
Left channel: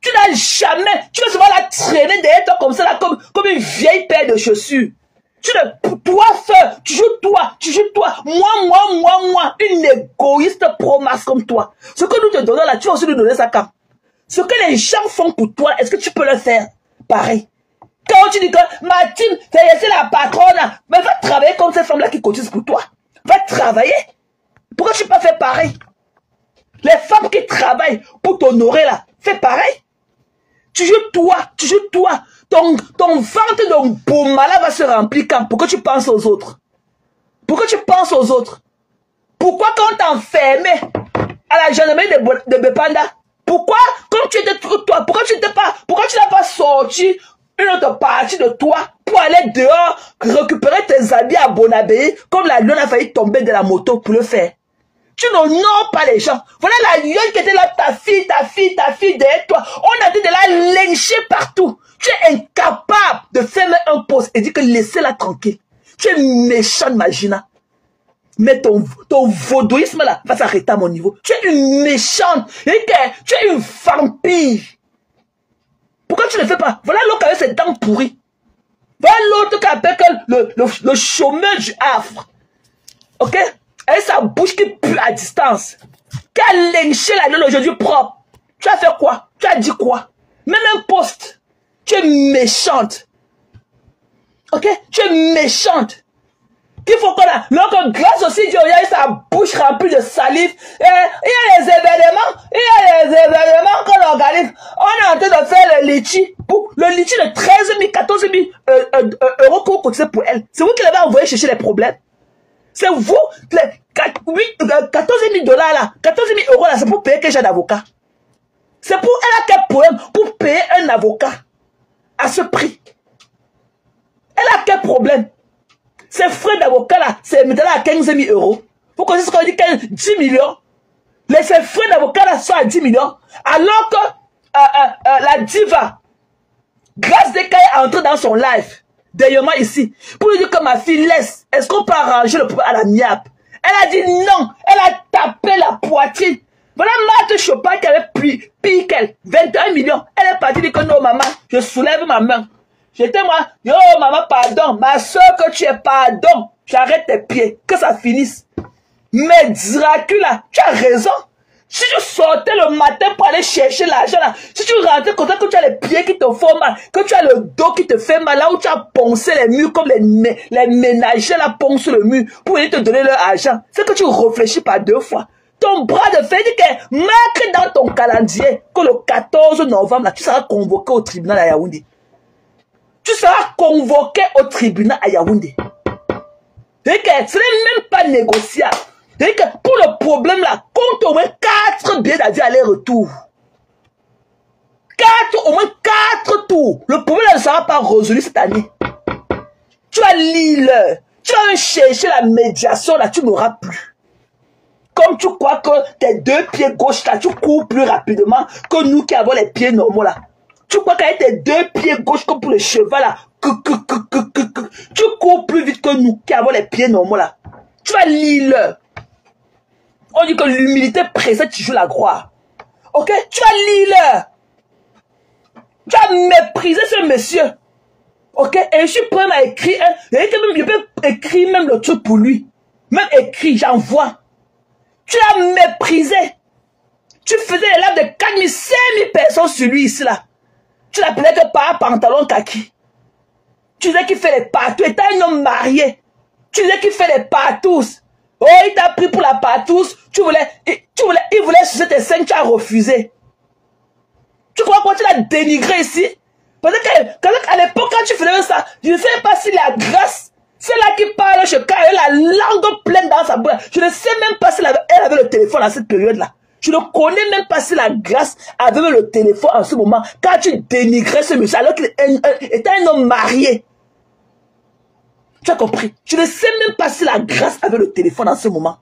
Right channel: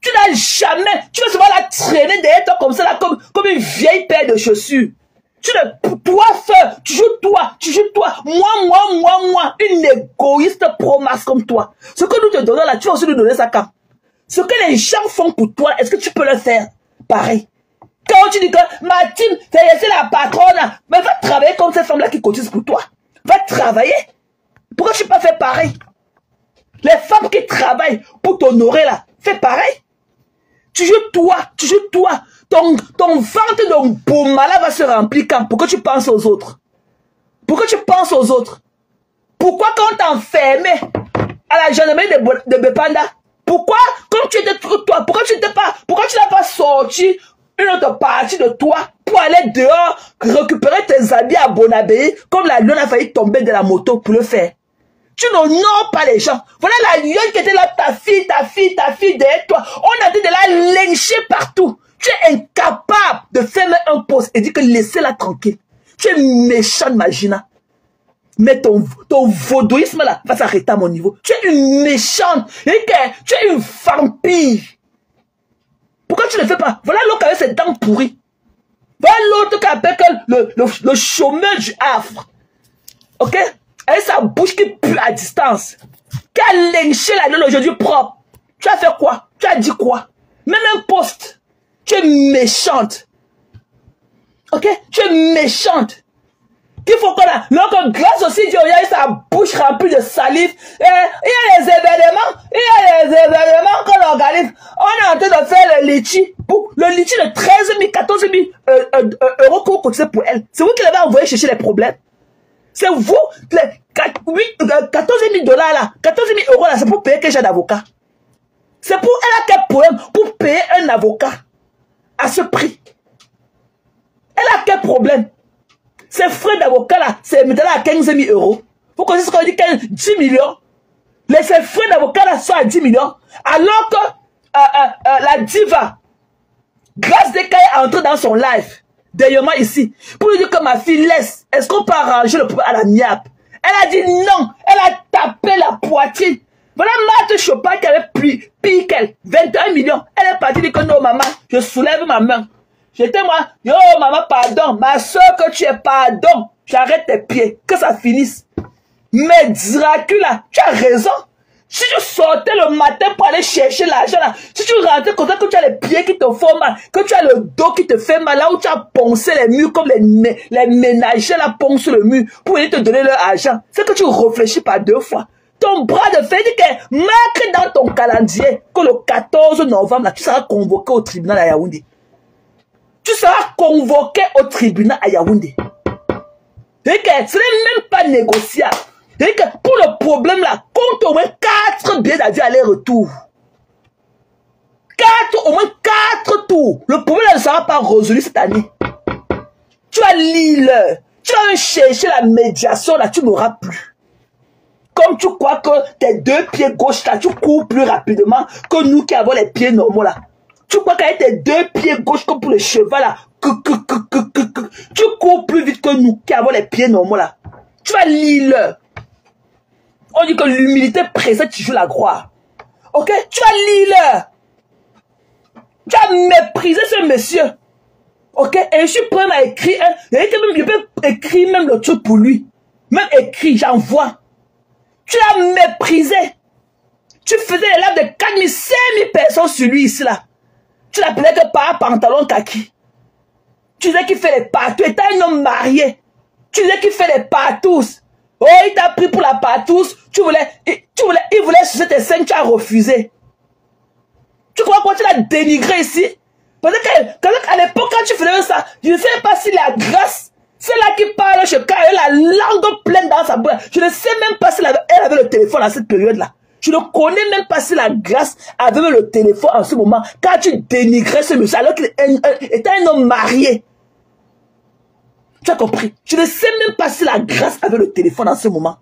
Tu n'as jamais, tu vas souvent la traîner derrière toi comme ça, là, comme une vieille paire de chaussures. Toi seul, tu joues toi, moi, une égoïste pro-masse comme toi. Ce que nous te donnons là, tu vas aussi nous donner ça quand? Ce que les gens font pour toi, est-ce que tu peux le faire? Pareil. Quand tu dis que Mathilde, c'est la patronne, mais va travailler comme ces femmes-là qui cotisent pour toi. Va travailler. Pourquoi tu n'as pas fait pareil? Les femmes qui travaillent pour t'honorer là, fais pareil. Tu joues toi. Ton ventre de Boumala va se remplir quand? Pourquoi tu penses aux autres? Pourquoi tu penses aux autres? Pourquoi quand t'enfermais à la gendarmerie de Bepanda? Pourquoi quand tu étais toi? Pourquoi tu n'as pas sorti une autre partie de toi pour aller dehors récupérer tes habits à Bonabé comme la lionne a failli tomber de la moto pour le faire? Tu n'honores pas les gens. Voilà la lionne qui était là, ta fille derrière toi. On a dit de la lyncher partout. Tu es incapable de faire un poste et dire que laissez-la tranquille. Tu es méchante, Magina. Mais ton vaudouisme là va s'arrêter à mon niveau. Tu es une méchante. Tu es une vampire. Pourquoi tu ne le fais pas? Voilà l'autre qui a ses dents pourries. Voilà l'autre qui appelle le chômeur du Havre. Ok? Avec sa bouche qui pue à distance. Qui a lynché la gueule aujourd'hui propre. Tu as fait quoi? Tu as dit quoi? Même un poste. Tu es méchante. Ok? Tu es méchante. Il faut que grâce aussi, Dieu a sa bouche remplie de salive. Et il y a les événements qu'on organise. On est en train de faire le litchi. Le litchi de 13 000, 14 000 euros qu'on cotisait pour elle. C'est vous qui l'avez envoyé chercher les problèmes. C'est vous, les 14 000 dollars là, 14 000 euros là, c'est pour payer quel genre d'avocat? C'est pour elle a quel problème pour payer un avocat à ce prix? Elle a quel problème? Ces frais d'avocat là, c'est maintenant à 15 000 euros. Vous connaissez ce qu'on dit 10 millions? Ces frais d'avocat là sont à 10 millions. Alors que la diva, Grâce Deka est entrée dans son live, derrière moi ici, pour lui dire que ma fille laisse. Est-ce qu'on peut arranger le problème à la niappe? Elle a dit non. Elle a tapé la poitrine. Voilà Marthe Chopin qui avait pire qu'elle. 21 millions. Elle est partie dire que non, maman, je soulève ma main. J'étais moi, yo maman, pardon. Ma soeur, que tu es pardon. J'arrête tes pieds. Que ça finisse. Mais Dracula, tu as raison. Si tu sortais le matin pour aller chercher l'argent là, si tu rentrais comme ça, que tu as les pieds qui te font mal, que tu as le dos qui te fait mal, là où tu as poncé les murs comme les ménagers là poncent le mur pour venir te donner leur argent, c'est que tu réfléchis pas 2 fois. Ton bras de fer dit que marque dans ton calendrier que le 14 novembre là, tu seras convoqué au tribunal à Yaoundé. Tu seras convoqué au tribunal à Yaoundé. Ce n'est même pas négociable. Pour le problème là, compte au moins 4 billets d'avion aller-retour. Au moins 4 tours. Le problème ne sera pas résolu cette année. Tu vas lire, tu vas chercher la médiation là, tu n'auras plus. Comme tu crois que tes 2 pieds gauche là, tu cours plus rapidement que nous qui avons les pieds normaux là. Tu crois qu'avec tes 2 pieds gauche comme pour le cheval là, tu cours plus vite que nous qui avons les pieds normaux là. Tu vas lire. On dit que l'humilité précède toujours la gloire. Ok? Tu vas lire. Tu as méprisé ce monsieur. Ok? Et je suis prêt à écrire. Je peux écrire même le truc pour lui. Même écrit, j'envoie. Tu l'as méprisé. Tu faisais les lives de 4 000, 5 000 personnes sur lui ici là. Tu l'appelais que par pantalon kaki. Tu disais qu'il fait les partous. Et t'as un homme marié. Tu disais qu'il fait les partous. Oh, il t'a pris pour la partouze. Il voulait sucer tes seins, tu as refusé. Tu crois qu'on t'a dénigré ici? Parce qu'à l'époque, quand tu faisais ça, je ne sais pas si la grâce, c'est là qui parle chez Car, elle a la langue pleine dans sa bouche. Je ne sais même pas si elle avait le téléphone à cette période-là. Je ne connais même pas si la grâce avait le téléphone en ce moment. Quand tu dénigrais ce monsieur, alors qu'il était un homme marié. Tu as compris? Je ne sais même pas si la grâce avait le téléphone en ce moment.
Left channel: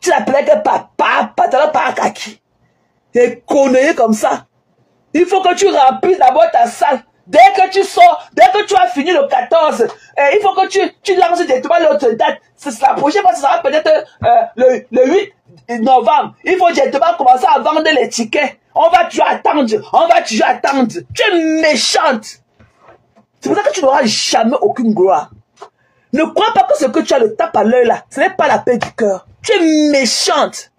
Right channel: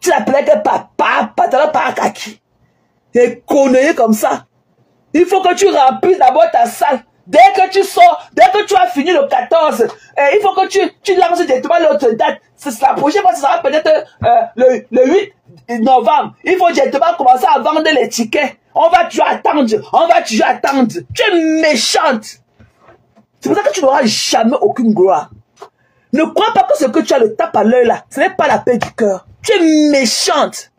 Tu l'appelais que papa, pantalon par kaki. Et conneries comme ça. Il faut que tu remplisses d'abord ta salle. Dès que tu sors, dès que tu as fini le 14, il faut que tu lances directement l'autre date. La prochaine fois, ce sera peut-être le 8 novembre. Il faut directement commencer à vendre les tickets. On va toujours attendre. Tu es méchante. C'est pour ça que tu n'auras jamais aucune gloire. Ne crois pas que ce que tu as le tape à l'œil là, ce n'est pas la paix du cœur. Tu es méchante.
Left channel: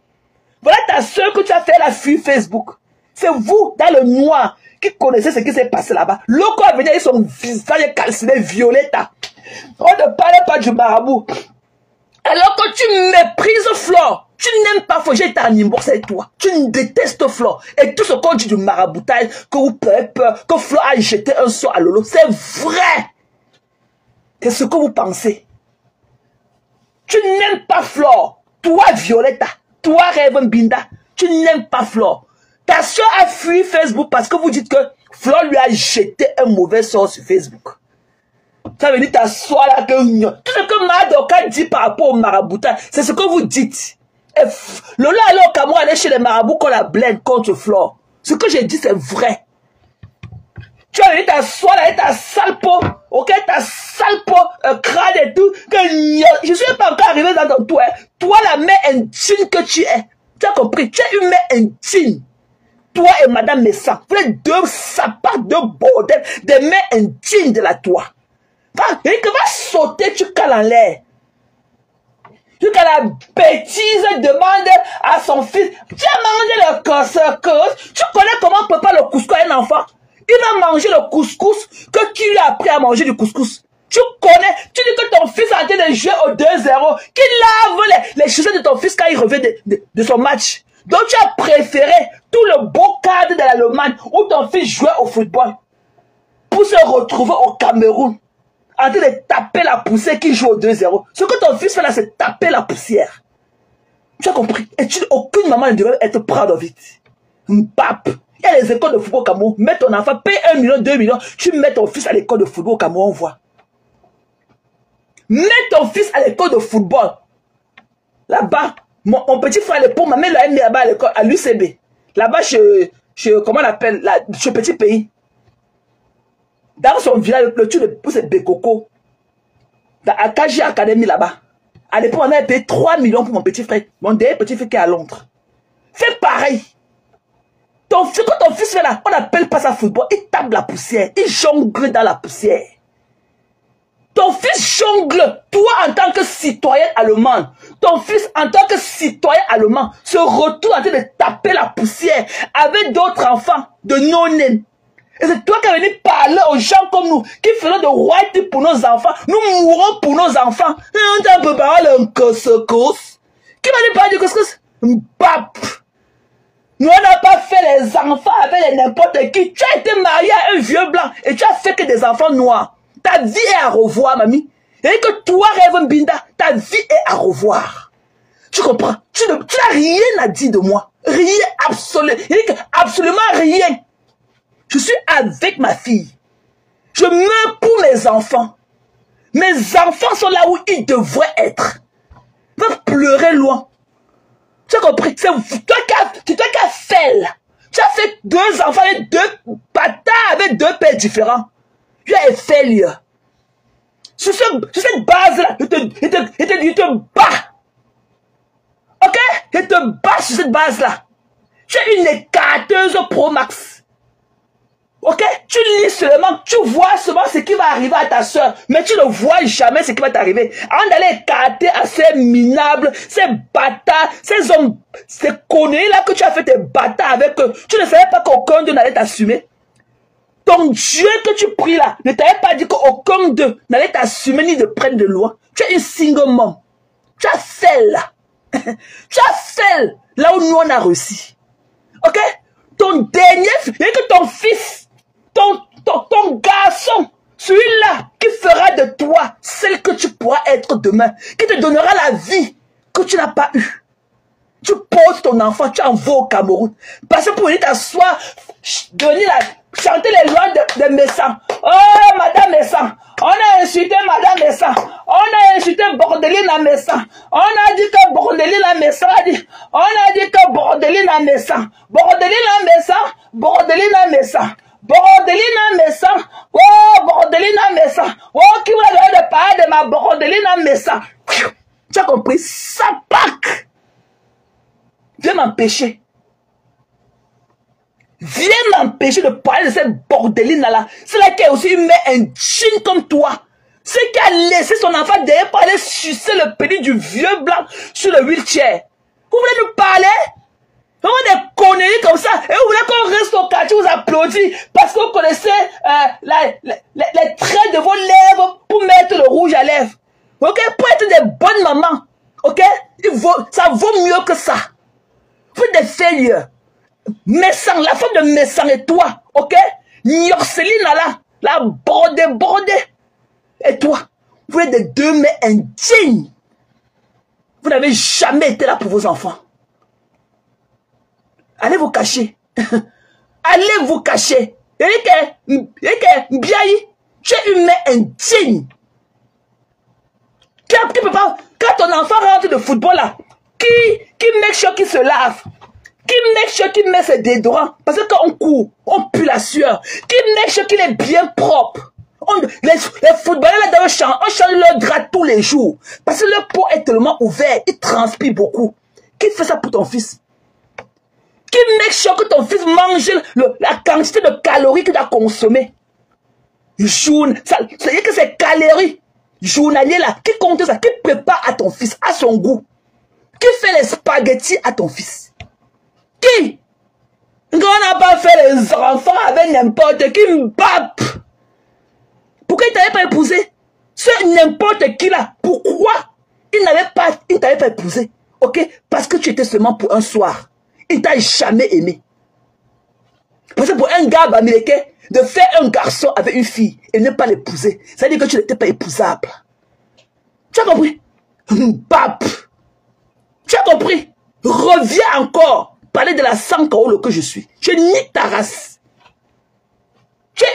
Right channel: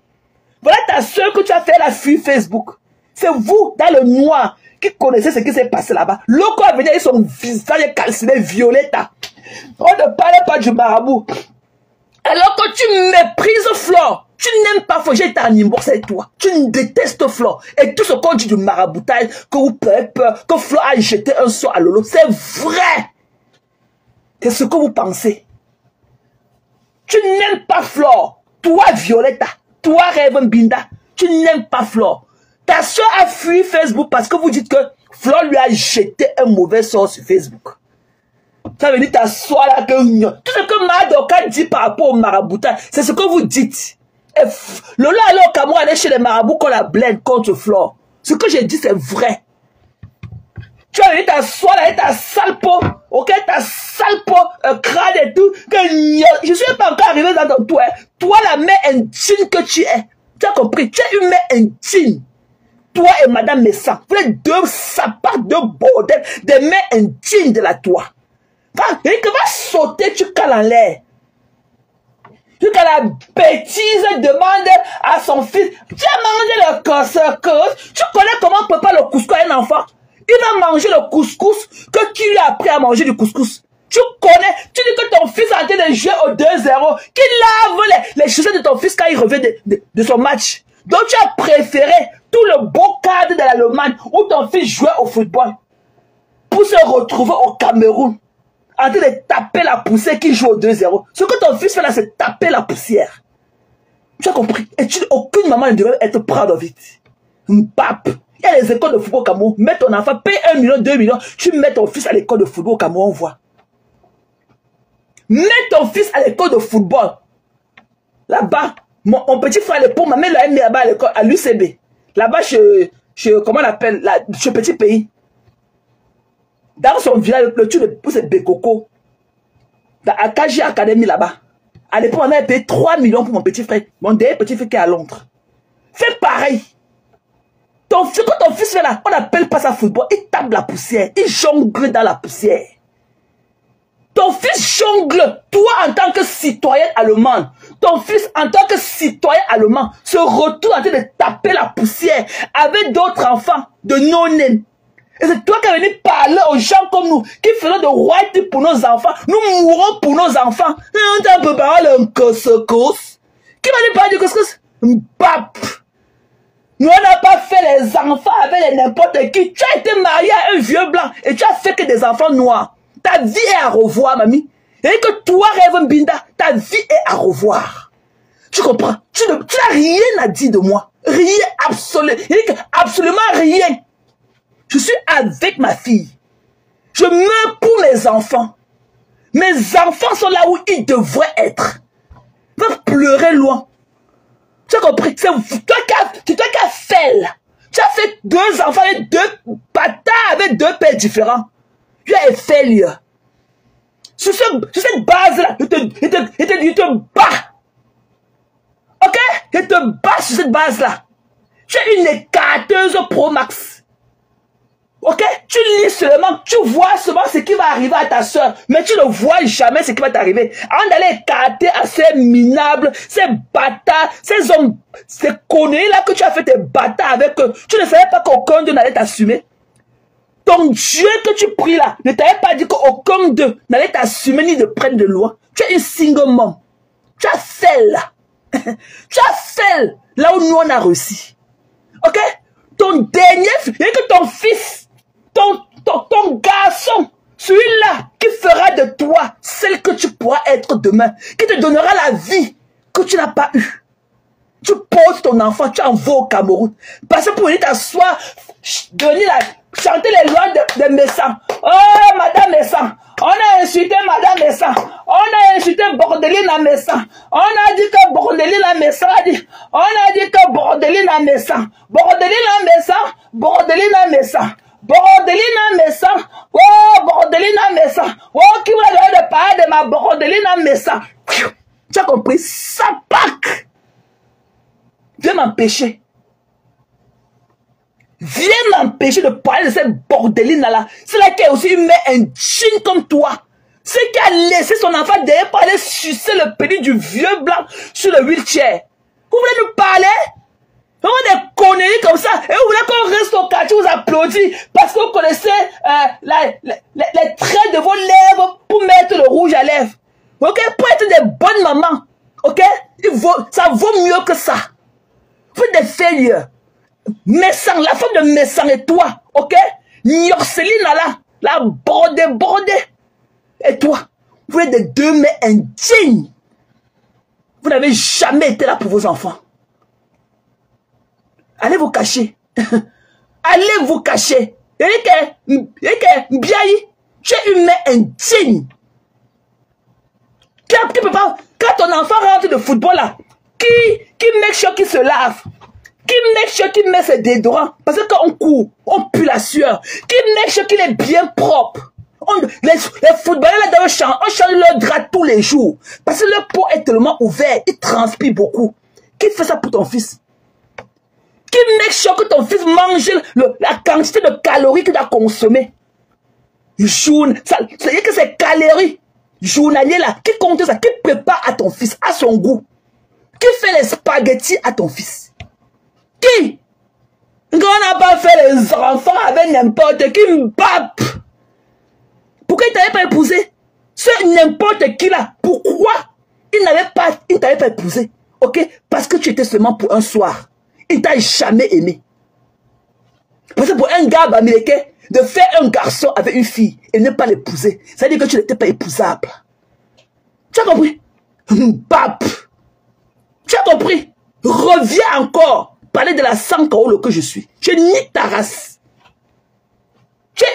Voilà ta soeur que tu as fait la sur Facebook. C'est vous, dans le noir, qui connaissez ce qui s'est passé là-bas. L'autre a venu avec son visage calciné violet. On ne parlait pas du marabout. Alors que tu méprises Flore. Tu n'aimes pas Flore. J'ai été en inbox avec toi. Tu détestes Flore. Et tout ce qu'on dit du maraboutage, que vous avez peur, que Flore a jeté un sort à Lolo, c'est vrai. C'est ce que vous pensez. Tu n'aimes pas Flore. Toi, Violetta. Toi, Raven Binda. Tu n'aimes pas Flore. Ta soeur a fui Facebook parce que vous dites que Flore lui a jeté un mauvais sort sur Facebook. Ça veut dire ta soeur là que tout ce que Madoka dit par rapport au maraboutage, c'est ce que vous dites. Lola allait au Cameroun, aller chez les marabouts qu'on la blinde contre Flore. Ce que j'ai dit, c'est vrai. Tu as vu ta soeur là, ta sale peau, ok, ta sale peau, crâne et tout, que je ne suis pas encore arrivé dans ton toit. Toi, la mère intime que tu es, tu as compris, tu es une mère intime. Toi et Madame Messa, vous êtes 2 sapats, 2 bordels, des mères intimes de la toi. Quand il va sauter, tu cales en l'air. Tu as la bêtise demande à son fils, tu as mangé le cancer, tu connais comment prépare le couscous à un enfant? Il va manger le couscous que tu lui as appris à manger du couscous. Tu connais, tu dis que ton fils a été de jouer au 2-0, qu'il lave les chaussures de ton fils quand il revient de son match. Donc tu as préféré tout le beau cadre de l'Allemagne où ton fils jouait au football pour se retrouver au Cameroun en train de taper la poussière qui joue au 2-0. Ce que ton fils fait là, c'est taper la poussière. Tu as compris? Et aucune maman ne devrait être proud of it. Pape. Il y a les écoles de football au Cameroun. Mets ton enfant, paye 1 million, 2 millions. Tu mets ton fils à l'école de football au Cameroun, on voit. Mets ton fils à l'école de football. Là-bas, mon petit frère, l'époux, ma mère l'a mis là-bas à l'école, à l'UCB. Là-bas, comment on appelle, ce petit pays. Dans son village, le truc de c'est Bekoko. Dans Akaji Academy là-bas. À l'époque, on a payé 3 millions pour mon petit frère. Mon dernier petit frère qui est à Londres. Fais pareil. Quand ton fils fait là, on n'appelle pas ça football. Il tape la poussière. Il jongle dans la poussière. Ton fils jongle. Toi, en tant que citoyen allemand, ton fils, en tant que citoyen allemand, se retrouve en train de taper la poussière avec d'autres enfants de non-name. Et c'est toi qui es venu parler aux gens comme nous, qui feront de white pour nos enfants. Nous mourrons pour nos enfants. Et on t'a préparé un couscous. Qui va nous parler du couscous? Bap! Nous, on n'a pas fait les enfants avec n'importe qui. Tu as été marié à un vieux blanc et tu as fait que des enfants noirs. Ta vie est à revoir, mamie. Et que toi, Rêve Mbinda, ta vie est à revoir. Tu comprends? Tu n'as rien à dire de moi. Rien, absolument rien. Je suis avec ma fille. Je meurs pour mes enfants. Mes enfants sont là où ils devraient être. Ils peuvent pleurer loin. Tu as compris? C'est toi qui as fait là. Tu as fait 2 enfants avec 2 bâtards avec 2 pères différents. Tu as fait là. Sur cette base-là, il te bat. Ok? Il te bat sur cette base-là. Tu es une écarteuse Pro Max. Ok? Tu lis seulement, tu vois seulement ce qui va arriver à ta soeur, mais tu ne vois jamais ce qui va t'arriver. Avant d'aller écarter à ces minables, ces bâtards, ces hommes, ces conneries-là que tu as fait tes bâtards avec eux, tu ne savais pas qu'aucun d'eux n'allait t'assumer. Ton Dieu que tu pries là, ne t'avait pas dit qu'aucun d'eux n'allait t'assumer ni de prendre de loi. Tu es une single mom. Tu as fait là. Tu as fait là où nous on a réussi. Ok? Ton dernier, et que ton fils, ton garçon, celui-là qui fera de toi celle que tu pourras être demain, qui te donnera la vie que tu n'as pas eue. Tu poses ton enfant, tu envoies au Cameroun. Parce que pour venir t'asseoir, venir là, chanter les lois de Messan. Oh, Madame Messan, on a insulté Madame Messan. On a insulté Bordeline à Messan. On a dit que Bordeline à Messan a dit. On a dit que Bordeline à Messan. Bordeline à Messan. Bordeline à Messan. Bordeline à Messan. Oh, Bordeline à Messan. Oh, qui va de parler de ma Bordeline à Messan. Tu as compris? Ça pack. Viens m'empêcher. Viens m'empêcher de parler de cette bordeline-là. C'est là qui a aussi mis un jean comme toi. C'est qui a laissé son enfant derrière pour aller sucer le pénis du vieux blanc sur le wheelchair. Vous voulez nous parler? On a des conneries comme ça. Et vous voulez qu'on reste au quartier, vous applaudit parce que vous connaissez les traits de vos lèvres pour mettre le rouge à lèvres. Ok? Pour être des bonnes mamans. Ok? Ça vaut mieux que ça. Vous êtes des failures. Messan, la femme de Messan et toi, ok? Yorceline là, la bordée. Et toi, vous êtes des 2 mets indignes. Vous n'avez jamais été là pour vos enfants. Allez vous cacher. Allez vous cacher. Et que, Biaï, tu es une mère indigne. Quand ton enfant rentre de football là, qui make sure qu'il se lave, qui make sure qu'il met ses déodorants, parce que quand on court, on pue la sueur, qui make sure qu'il est bien propre. Les footballeurs là dans le champ, on change leur drap tous les jours, parce que leur peau est tellement ouverte, il transpire beaucoup. Qui fait ça pour ton fils? Qui make sure que ton fils mange la quantité de calories qu'il doit consommer? C'est-à-dire que ces calories journaliers là, qui compte ça, qui prépare à ton fils, à son goût? Qui fait les spaghettis à ton fils? Qui? On n'a pas fait les enfants avec n'importe qui, mbap. Pourquoi il t'avait pas épousé? C'est n'importe qui là. Pourquoi il t'avait pas épousé? Ok? Parce que tu étais seulement pour un soir. Il t'a jamais aimé. Parce que pour un gars américain, de faire un garçon avec une fille et ne pas l'épouser, ça veut dire que tu n'étais pas épousable. Tu as compris? Mbap. Tu as compris? Reviens encore parler de la sankaolo que je suis. Je nie ta race. Tu es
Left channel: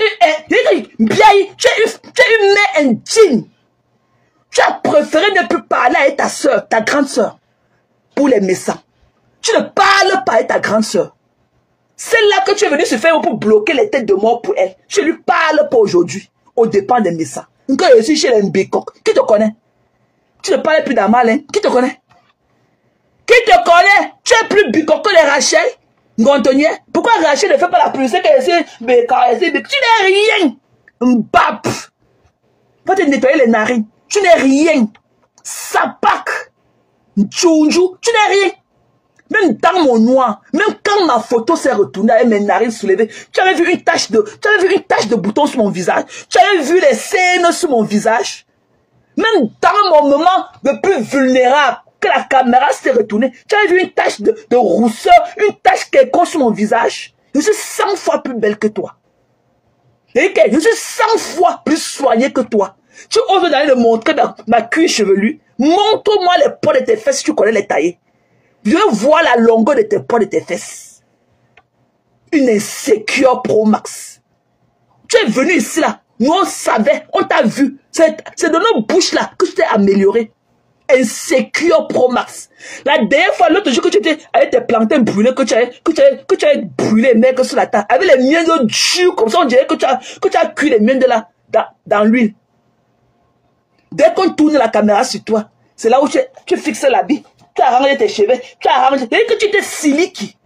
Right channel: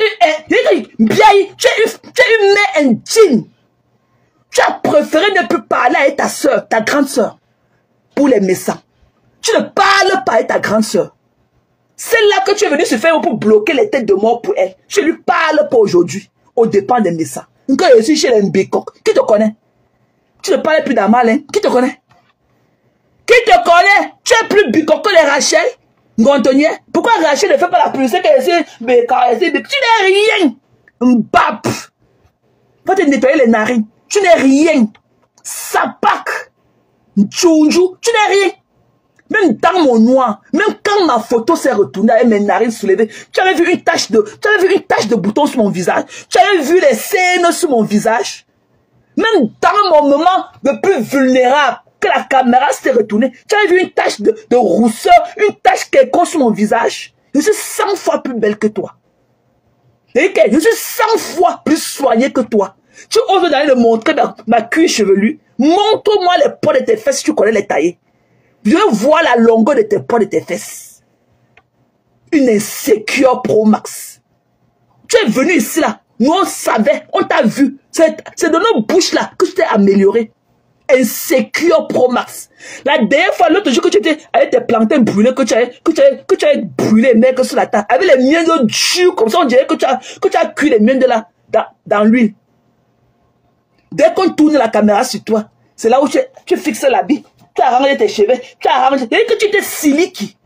une mère indigne. Tu as préféré ne plus parler avec ta soeur, ta grande soeur, pour les méchants. Tu ne parles pas avec ta grande soeur. Celle-là que tu es venu se faire pour bloquer les têtes de mort pour elle. Je lui parle pas aujourd'hui, au dépend des méchants. Quand je suis chez les Mbekok, qui te connaît? Tu ne parles plus d'un mal, hein? Qui te connaît? Qui te connaît? Tu es plus bicok que les Rachel, Gantonier. Pourquoi Rachel ne fait pas la publicité qu'elle essaie de tu n'es rien. Mbap. Va te nettoyer les narines. Tu n'es rien. Sapak. Tchounjou. Tu n'es rien. Même dans mon noir, même quand ma photo s'est retournée avec mes narines soulevées, tu avais vu une tache de bouton sur mon visage. Tu avais vu les scènes sur mon visage. Même dans mon moment le plus vulnérable, que la caméra s'est retournée, tu avais vu une tache de rousseur, une tache quelconque sur mon visage. Je suis 100 fois plus belle que toi. Et je suis 100 fois plus soignée que toi. Tu oses d'aller le montrer dans ma cuir chevelu. Montre-moi les poids de tes fesses si tu connais les tailler. Je veux voir la longueur de tes poids de tes fesses. Une insécure Pro Max. Tu es venu ici là. Nous on savait, on t'a vu. C'est de nos bouches là que tu t'es amélioré. Insécure Pro Max. La dernière fois, l'autre jour que tu étais avec tes plantains brûlés, que tu avais brûlé, mec, sur la table, avec les miens de durs, comme ça, on dirait que tu as cuit les miens de là, dans l'huile. Dès qu'on tourne la caméra sur toi, c'est là où tu fixes l'habit, tu as arrangé tes cheveux, tu as arrangé, et que tu étais siliki.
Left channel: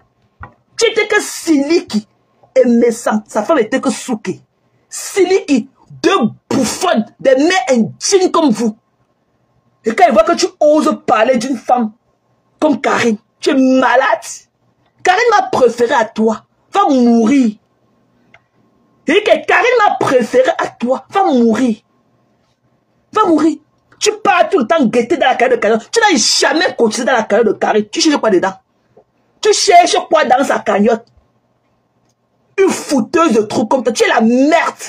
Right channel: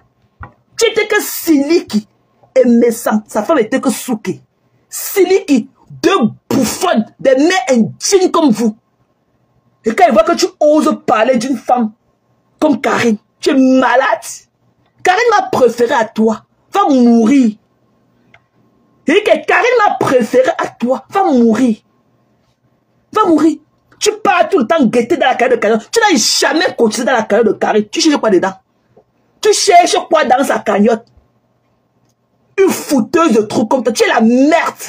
Tu étais que siliki. Et Messa, sa femme était que souki. Siliki, deux bouffonnes, des mères indignes comme vous. Et quand il voit que tu oses parler d'une femme comme Karine, tu es malade. Karine m'a préféré à toi, va mourir. Et que Karine m'a préféré à toi, va mourir. Va mourir. Tu pars tout le temps guetter dans la carrière de Karine. Tu n'as jamais continué dans la carrière de Karine. Tu cherches quoi dedans? Tu cherches quoi dans sa cagnotte? Une fouteuse de trucs comme toi. Tu es la merde.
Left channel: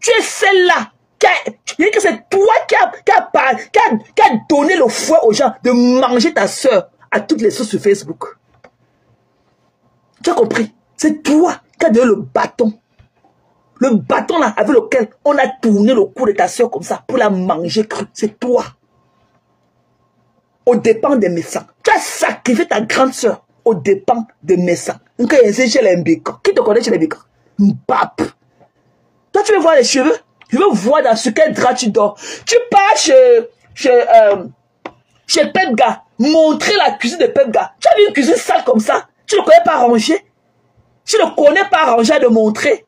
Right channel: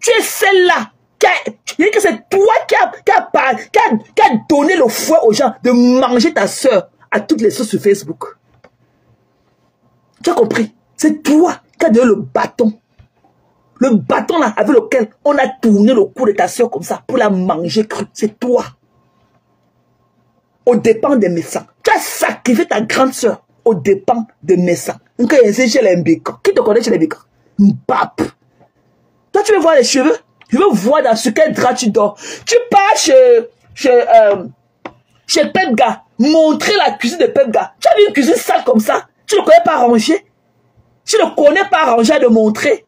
Tu es celle-là. Que c'est toi qui a donné le fouet aux gens de manger ta soeur à toutes les sources sur Facebook. Tu as compris? C'est toi qui as donné le bâton. Le bâton là avec lequel on a tourné le cou de ta soeur comme ça pour la manger crue. C'est toi. Au dépens des médecins. Tu as sacrifié ta grande soeur au dépens des médecins. Qui te connaît chez les bécans? Mbap. Toi tu veux voir les cheveux? Je veux voir dans ce quel drap tu dors. Tu pars chez Pepga, montrer la cuisine de Pepga. Tu as vu une cuisine sale comme ça? Tu ne connais pas ranger? Tu ne connais pas ranger à de montrer?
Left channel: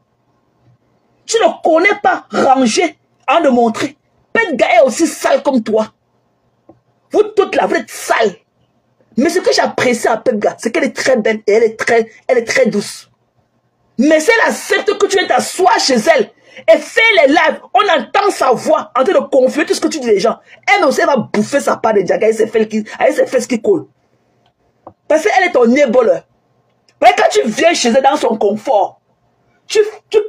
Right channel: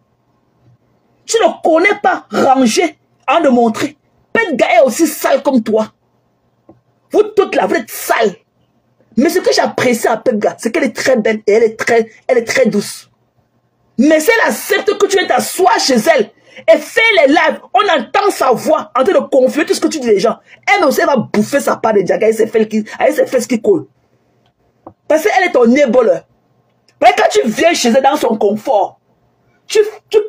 Tu ne connais pas ranger à de montrer? Pepga est aussi sale comme toi. Vous toutes là, vous êtes sales. Mais ce que j'apprécie à Pepga, c'est qu'elle est très belle et elle est très douce. Mais c'est la secte que tu viens t'asseoir chez elle. Et fait les lives, on entend sa voix en train de confler tout ce que tu dis les gens. Elle aussi, elle va bouffer sa part de Diaga avec ses fesses qui collent. Parce qu'elle est ton éboleur. Mais quand tu viens chez elle dans son confort, tu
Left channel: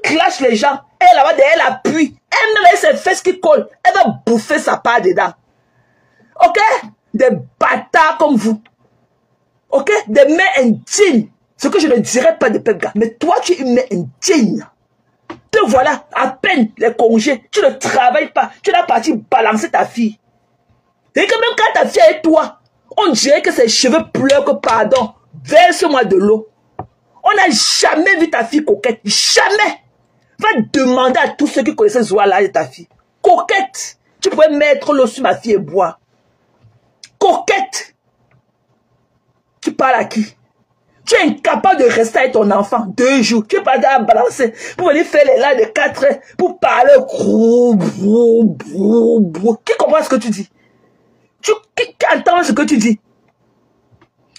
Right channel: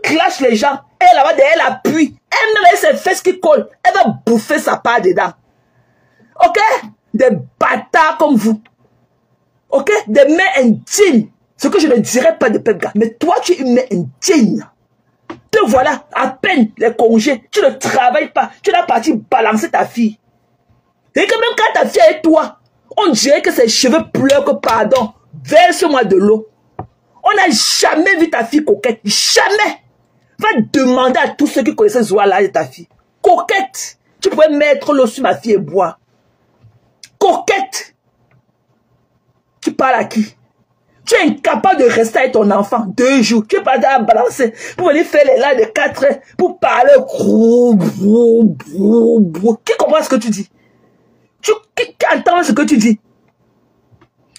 clashes les gens, elle appuie. Elle met ses fesses qui collent, elle va bouffer sa part dedans. Ok? Des bâtards comme vous. Ok? Des mères indignes. Ce que je ne dirais pas de Pepga. Mais toi, tu es une mère indigne. Te voilà, à peine les congés, tu ne travailles pas, tu n'as parti balancer ta fille. Et que même quand ta fille est toi, on dirait que ses cheveux pleurent que pardon, verse-moi de l'eau. On n'a jamais vu ta fille coquette, jamais. Va demander à tous ceux qui connaissaient Zoala de ta fille. Coquette, tu pourrais mettre l'eau sur ma fille et boire. Coquette. Tu parles à qui? Tu es incapable de rester avec ton enfant 2 jours. Tu es pas à balancer pour venir faire les lives de 4 heures pour parler. Qui comprend ce que tu dis? Qui entend ce que tu dis?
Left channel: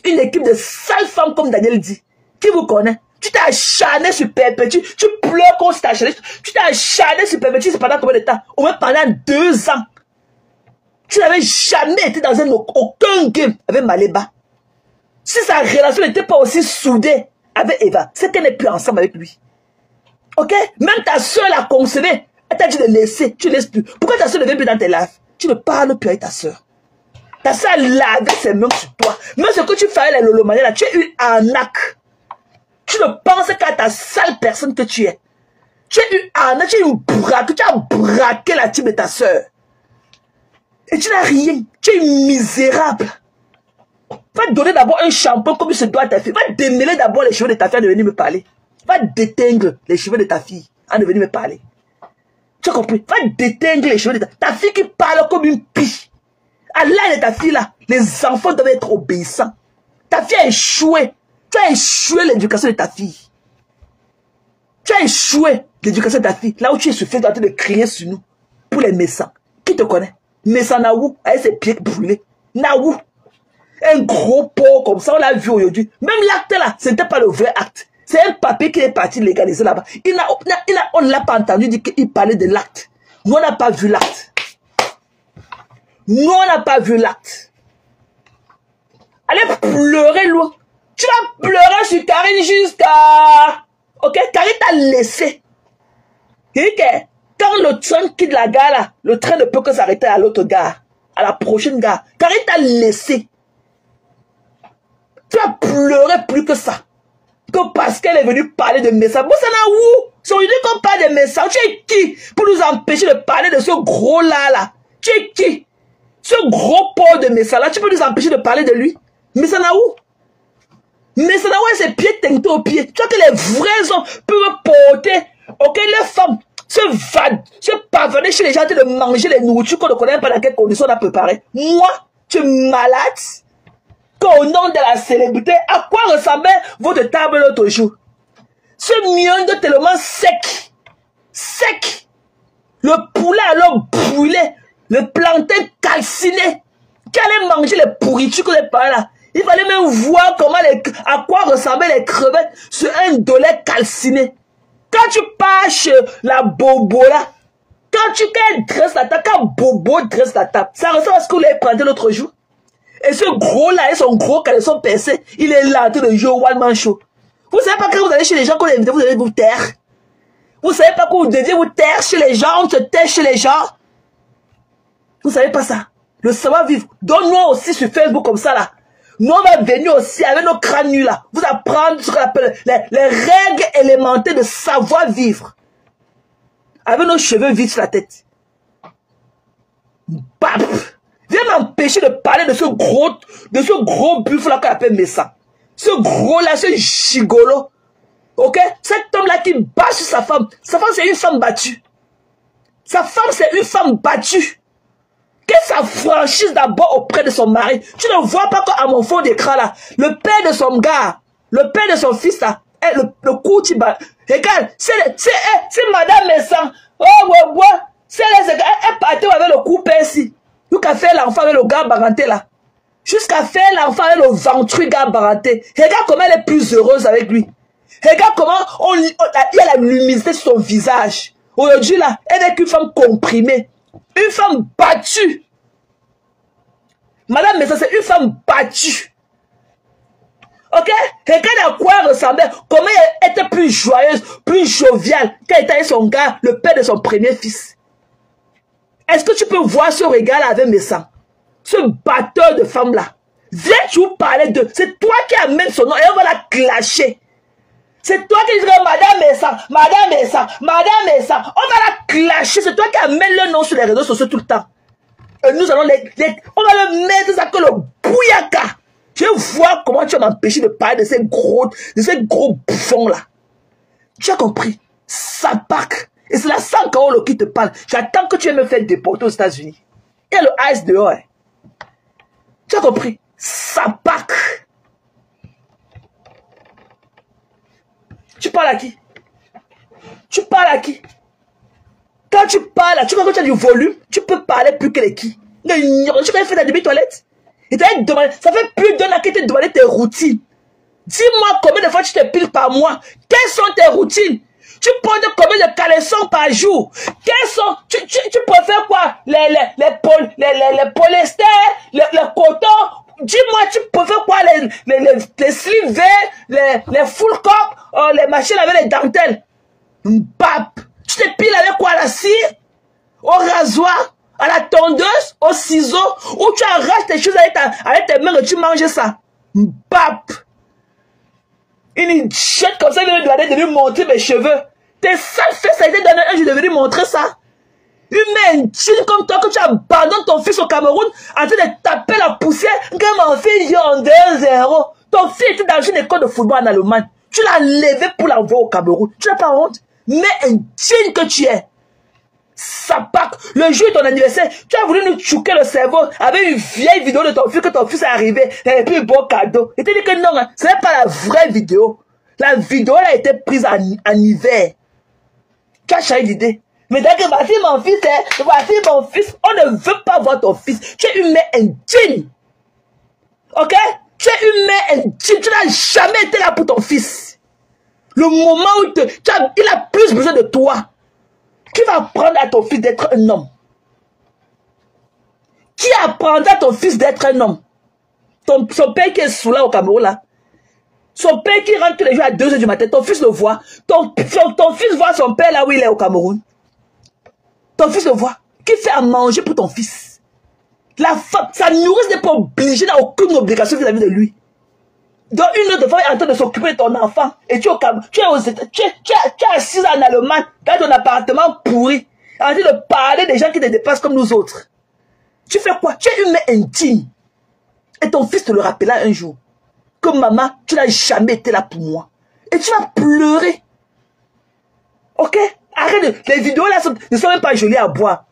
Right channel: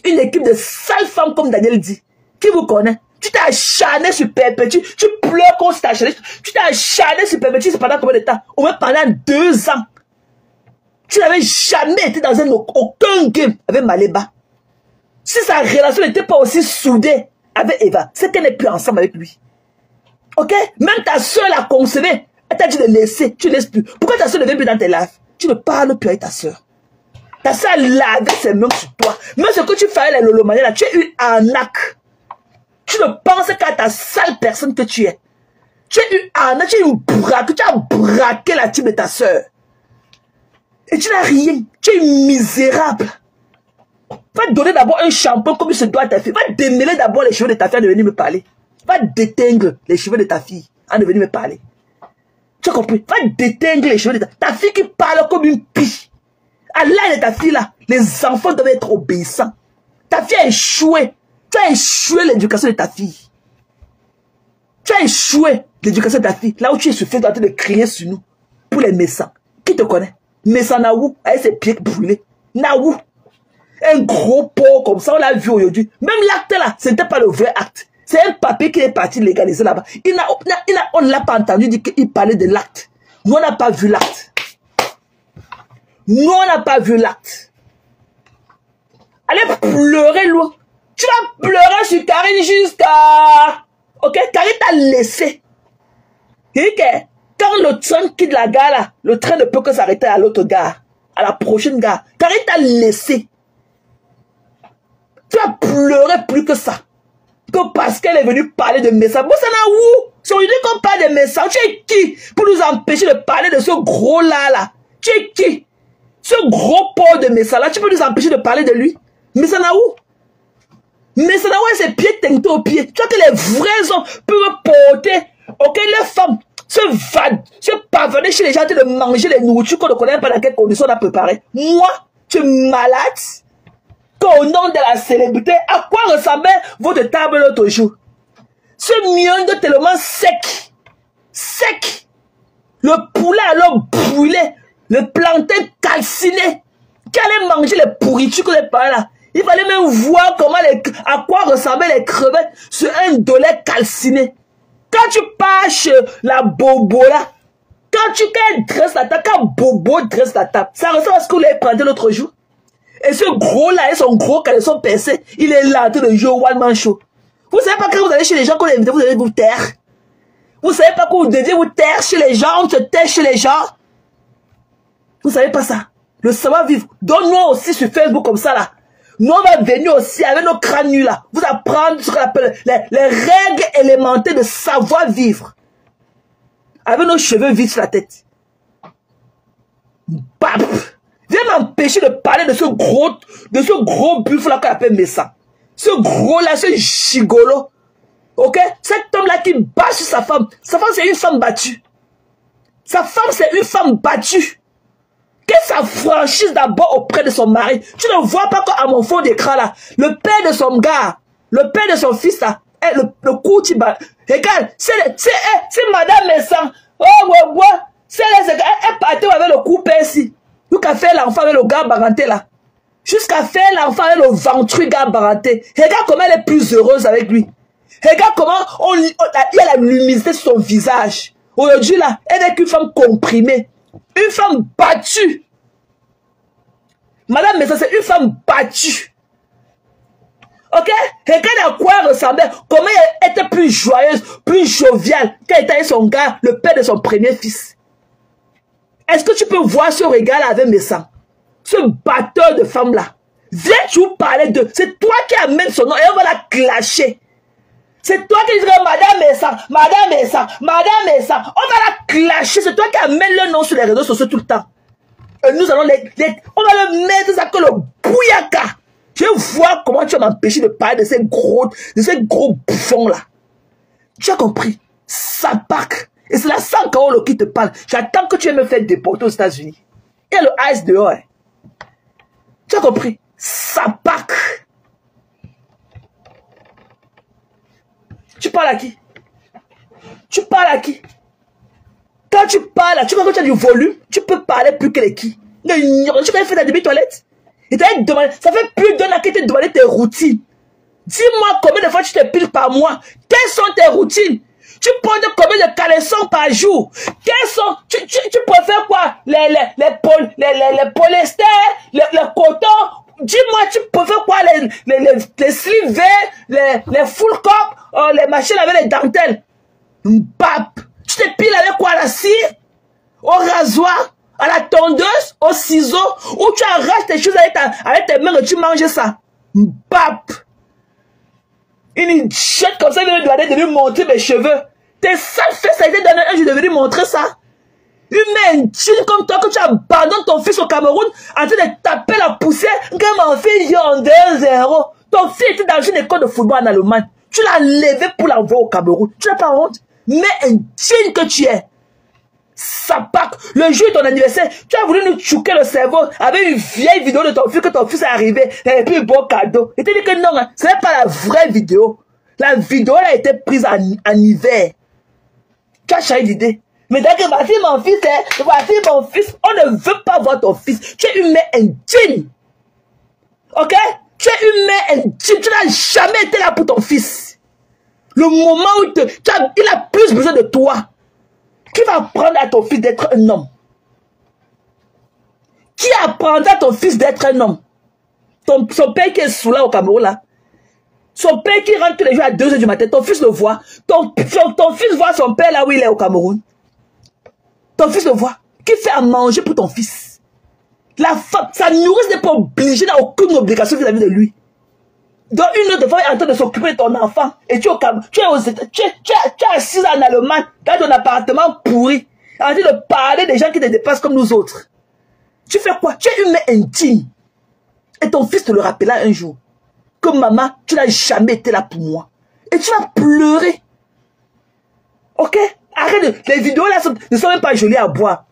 Une équipe de sales femmes comme Daniel dit. Qui vous connaît? Tu t'es acharné sur Perpétue. Tu pleures qu'on s'est acharné. Tu t'es acharné sur Perpétue. C'est pendant combien de temps? Au moins pendant 2 ans. Tu n'avais jamais été dans aucun game avec Maléba. Si sa relation n'était pas aussi soudée avec Eva, c'est qu'elle n'est plus ensemble avec lui. Ok? Même ta soeur l'a concevée. Elle t'a dit de laisser. Tu ne laisses plus. Pourquoi ta soeur ne vient plus dans tes lives? Tu ne parles plus avec ta soeur. Ta soeur lavait ses mains sur toi. Même ce que tu fais les lolomanies là, tu es une arnaque. Tu ne penses qu'à ta sale personne que tu es. Tu es une arnaque, tu es une braque. Tu as braqué la team de ta soeur. Et tu n'as rien. Tu es misérable. Va donner d'abord un shampoing comme se doit à ta fille. Va démêler d'abord les cheveux de ta fille en de venir me parler. Va déteindre les cheveux de ta fille en de venir me parler. Tu as compris? Va déteindre les cheveux de ta fille qui parle comme une pie. À l'âge de ta fille là, les enfants doivent être obéissants. Ta fille a échoué. Tu as échoué l'éducation de ta fille. Tu as échoué l'éducation de ta fille. Là où tu es suffisant en train de crier sur nous. Pour les médecins. Qui te connaît? Médecin Naou, avec ses pieds brûlés. Naou. Un gros pot comme ça, on l'a vu aujourd'hui. Même l'acte là, ce n'était pas le vrai acte. C'est un papier qui est parti légaliser là-bas. On ne l'a pas entendu dire qu'il parlait de l'acte. Nous, on n'a pas vu l'acte. Nous, on n'a pas vu l'acte. Allez pleurer, loin. Tu vas pleurer sur Karine jusqu'à... Ok, Karine t'a laissé. Quand le train quitte la gare, là, le train ne peut que s'arrêter à l'autre gare, à la prochaine gare. T'arrêtes à laisser. Tu as pleuré plus que ça. Que parce qu'elle est venue parler de Messa. Bon, ça n'a où? C'est aujourd'hui qu'on parle de Messa. Tu es qui pour nous empêcher de parler de ce gros-là, là? Tu es qui? Ce gros Paul de Messa, là, tu peux nous empêcher de parler de lui? Messa n'a où? Messa n'a où ses pieds teintés aux pieds? Tu vois que les vrais hommes peuvent porter, ok, les femmes se parvenir chez les gens de manger les nourritures qu'on ne connaît pas dans quelles conditions on a préparé. Moi, tu es malade? Qu'au nom de la célébrité, à quoi ressemblait votre table l'autre jour? Ce miel tellement sec. Sec. Le poulet alors brûlé. Le plantain calciné. Qui allait manger les pourritures que les parents là. Il fallait même voir à quoi ressemblaient les crevettes sur un dolet calciné. Quand tu pars chez la bobo là, quand dresse la table, quand bobo dresse la table, ça ressemble à ce qu'on lui a pris l'autre jour. Et ce gros là, et son gros caleçon percé, il est là en train de jouer au one man show. Vous savez pas quand vous allez chez les gens qu'on invite, vous allez vous taire. Vous savez pas quand vous devez vous taire chez les gens, on se tait chez les gens. Vous savez pas ça. Le savoir-vivre. Donne-nous aussi sur Facebook comme ça là. Nous on va venir aussi avec nos crânes nus là. Vous apprendre ce qu'on appelle les règles élémentaires de savoir-vivre. Avec nos cheveux vides sur la tête. Bap! Viens m'empêcher de parler de ce gros buffle là qu'on appelle Messa. Ce gros là, ce gigolo. Ok? Cet homme là qui bat sur sa femme. Sa femme c'est une femme battue. Sa femme c'est une femme battue. Qu'elle s'affranchisse d'abord auprès de son mari. Tu ne vois pas qu'à mon fond d'écran là, le père de son gars, le père de son fils là, le coup tu bats. Regarde, c'est madame Messa. Oh ouais ouais. Elle partait avec le coup ici. Jusqu'à faire l'enfant avec le gars baranté là. Jusqu'à faire l'enfant avec le ventru gars baranté. Regarde comment elle est plus heureuse avec lui. Regarde comment il y a la luminosité sur son visage. Aujourd'hui là, elle est une femme comprimée. Une femme battue. Madame Messa, c'est une femme battue. Ok? Regarde à quoi ressemblait. Comment elle était plus joyeuse, plus joviale quand elle était avec son gars, le père de son premier fils. Est-ce que tu peux voir ce regard avec Messa? Ce batteur de femme là. Viens-tu parler de... C'est toi qui amène son nom et on va la clasher. C'est toi qui dis Madame Messa, Madame Messa, Madame Messa. On va la clasher. C'est toi qui amène le nom sur les réseaux sociaux tout le temps. Et nous allons on va le mettre ça que le bouyaka. Je vais voir comment tu vas m'empêcher de parler de ces gros bouffons là. Tu as compris? Ça pack. Et c'est la Sankaolo qui te parle. J'attends que tu aies me faire déporter aux États-Unis. Il y a le ice dehors. Hein. Tu as compris? Ça pack. Tu parles à qui? Tu parles à qui? Quand tu parles, tu vois que tu as du volume, tu peux parler plus que les qui. Non, tu peux faire ta demi-toilette. Il t'a demandé, ça fait plus d'un an que tu t'es demandé tes routines. Dis-moi combien de fois tu t'épiles par mois. Quelles sont tes routines? Tu portes combien de caleçons par jour? Quels sont, tu préfères quoi? Les polyester, les cotons? Dis-moi, tu préfères quoi? Les sleeves, les full cup, les machines avec les dentelles? Bap! Tu t'épiles avec quoi? La cire? Au rasoir? À la tondeuse? Au ciseau? Ou tu arraches tes choses avec tes mains et tu manges ça? Bap! Une chute comme ça, elle vient de lui montrer mes cheveux. Tes sales fesses, ça a été donné un jour de venir montrer ça. Une main jean comme toi, que tu abandonnes ton fils au Cameroun en train de taper la poussière, que mon fils en 2-0. Ton fils était dans une école de football en Allemagne. Tu l'as levé pour l'envoyer au Cameroun. Tu n'as pas honte. Mais un jean que tu es. Ça pack. Le jour de ton anniversaire, tu as voulu nous chouquer le cerveau avec une vieille vidéo de ton fils que ton fils est arrivé. Et puis un bon cadeau. Et tu dis que non, hein, ce n'est pas la vraie vidéo. La vidéo elle a été prise en hiver. Tu as changé d'idée. Mais dès que voici mon fils, voici mon fils, on ne veut pas voir ton fils. Tu es une mère indigne. Ok? Tu es une mère indigne. Tu n'as jamais été là pour ton fils. Le moment où il a plus besoin de toi. Qui va apprendre à ton fils d'être un homme? Qui apprendra à ton fils d'être un homme? Son père qui est sous là au Cameroun là. Son père qui rentre les jours à 2 h du matin. Ton fils le voit. Ton fils voit son père là où il est au Cameroun. Ton fils le voit. Qui fait à manger pour ton fils? La femme, sa nourrice n'est pas obligée, n'a aucune obligation vis-à-vis de lui. Donc une autre femme est en train de s'occuper de ton enfant. Et tu es assis en Allemagne, dans ton appartement pourri, en train de parler des gens qui te dépassent comme nous autres. Tu fais quoi? Tu es humain intime. Et ton fils te le rappellera un jour. Que maman, tu n'as jamais été là pour moi. Et tu as pleuré. Ok? Arrête, les vidéos là ne sont même pas jolies à boire.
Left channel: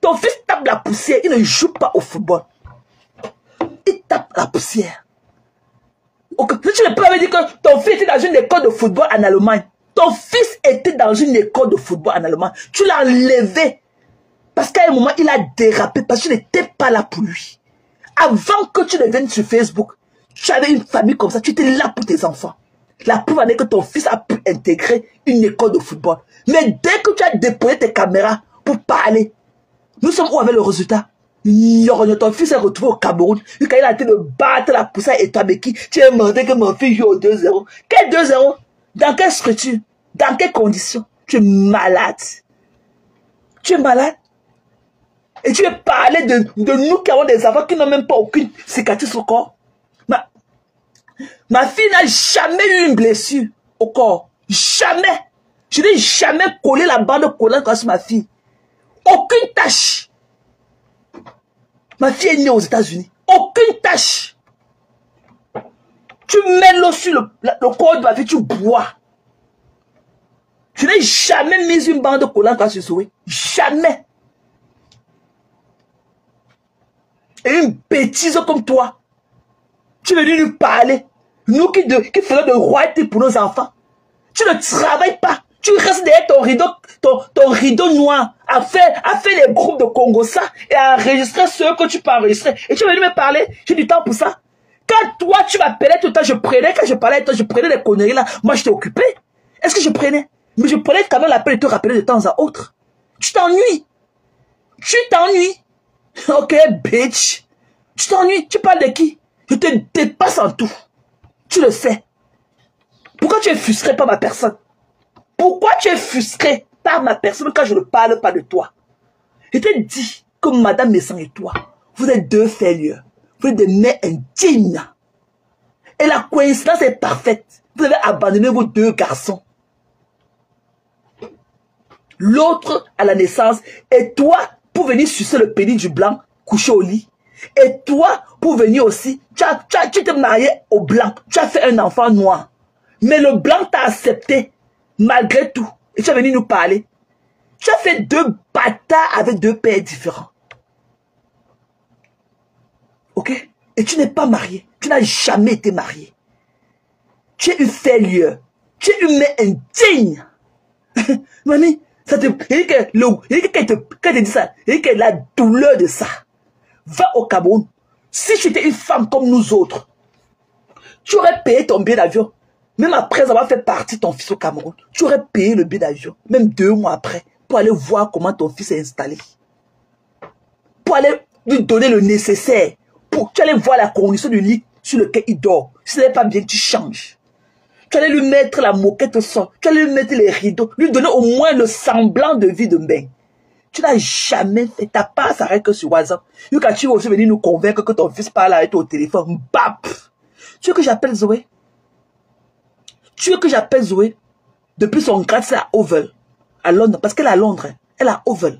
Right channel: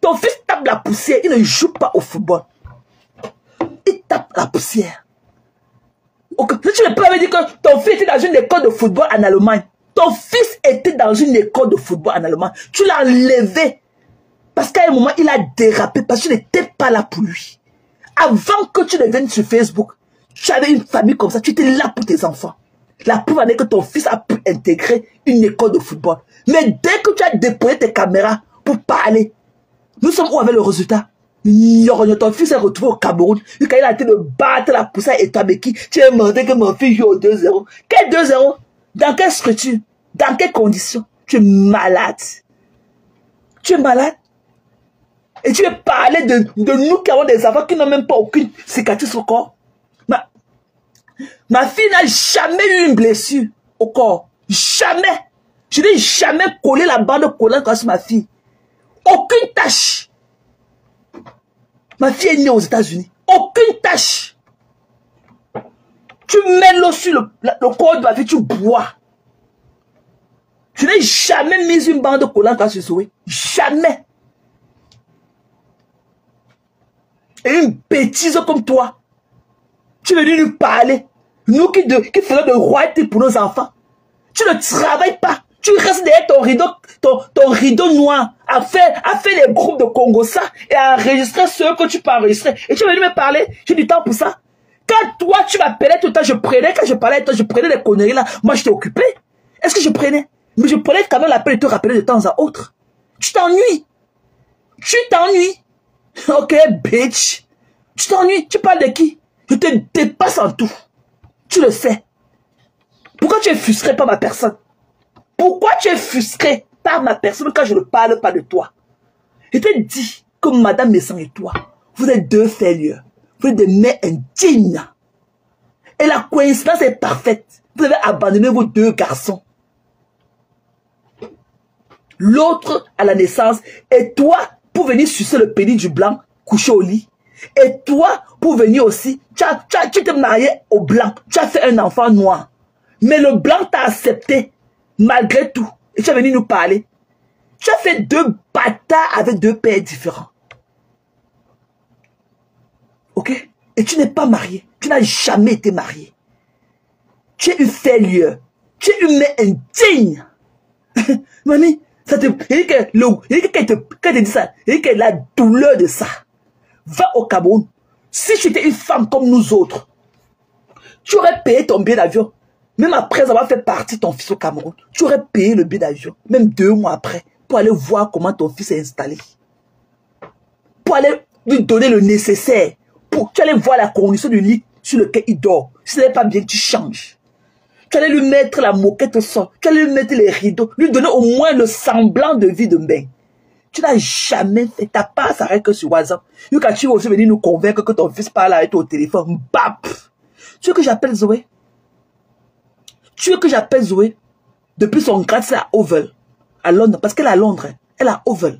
Ton fils tape la poussière, il ne joue pas au football. Il tape la poussière. Okay. Tu ne peux pas dire que ton fils était dans une école de football en Allemagne. Ton fils était dans une école de football en Allemagne. Tu l'as levé. Parce qu'à un moment, il a dérapé parce que tu n'étais pas là pour lui. Avant que tu ne viennes sur Facebook, tu avais une famille comme ça, tu étais là pour tes enfants. La preuve est que ton fils a pu intégrer une école de football. Mais dès que tu as déposé tes caméras pour parler, nous sommes où avec le résultat? Ton fils s'est retrouvé au Cameroun. Quand il a été de battre la poussière et toi, mais qui? Tu as demandé que mon fils joue au 2-0. Quel 2-0? Dans quelle structure? Dans quelles conditions? Tu es malade. Tu es malade. Et tu veux parler de nous qui avons des enfants qui n'ont même pas aucune cicatrice au corps. Ma fille n'a jamais eu une blessure au corps. Jamais. Je n'ai jamais collé la bande collante sur ma fille. Aucune tache. Ma fille est née aux États-Unis. Aucune tache. Tu mets l'eau sur le corps de ma fille, tu bois. Je n'ai jamais mis une bande collante sur Zoé. Jamais. Et une bêtise comme toi. Tu veux lui parler. Nous qui faisons de royauté pour nos enfants. Tu ne travailles pas. Tu restes derrière ton rideau noir à faire les groupes de Congossa et à enregistrer ceux que tu peux enregistrer. Et tu veux lui me parler. J'ai du temps pour ça. Quand toi tu m'appelais tout le temps, quand je parlais, je prenais des conneries là. Moi je t'ai occupé. Est-ce que je prenais? Mais je prenais quand même l'appel et te rappeler de temps à autre. Tu t'ennuies. Tu t'ennuies. Ok, bitch. Tu t'ennuies. Tu parles de qui? Je te dépasse en tout. Tu le sais. Pourquoi tu es frustré par ma personne? Pourquoi tu es frustré par ma personne quand je ne parle pas de toi? Je t'ai dit que Madame Messan et toi, vous êtes deux failures. Vous êtes des mères indignes. Et la coïncidence est parfaite. Vous avez abandonné vos deux garçons. L'autre à la naissance. Et toi, pour venir sucer le pénis du blanc, coucher au lit. Et toi, pour venir aussi, tu t'es marié au blanc. Tu as fait un enfant noir. Mais le blanc t'a accepté, malgré tout. Et tu es venu nous parler. Tu as fait deux bâtards avec deux pères différents. Ok? Et tu n'es pas marié. Tu n'as jamais été marié. Tu es une failure. Tu es une mère indigne. Mani, ça te... Quand tu dis ça, il y a la douleur de ça. Va au Cameroun. Si tu étais une femme comme nous autres, tu aurais payé ton billet d'avion. Même après avoir fait partir ton fils au Cameroun, tu aurais payé le billet d'avion. Même 2 mois après, pour aller voir comment ton fils est installé. Pour aller lui donner le nécessaire. Tu allais voir la condition du lit sur lequel il dort. Si ce n'est pas bien, tu changes. Tu allais lui mettre la moquette au sol. Tu allais lui mettre les rideaux. Lui donner au moins le semblant de vie de bain. Tu n'as jamais fait. Ta part s'arrête que sur WhatsApp. Quand tu es aussi venu nous convaincre que ton fils parle avec toi au téléphone. Bap! Tu veux que j'appelle Zoé? Tu veux que j'appelle Zoé? Depuis son grade, c'est à Oval. À Londres. Parce qu'elle est à Londres. Elle est à Oval.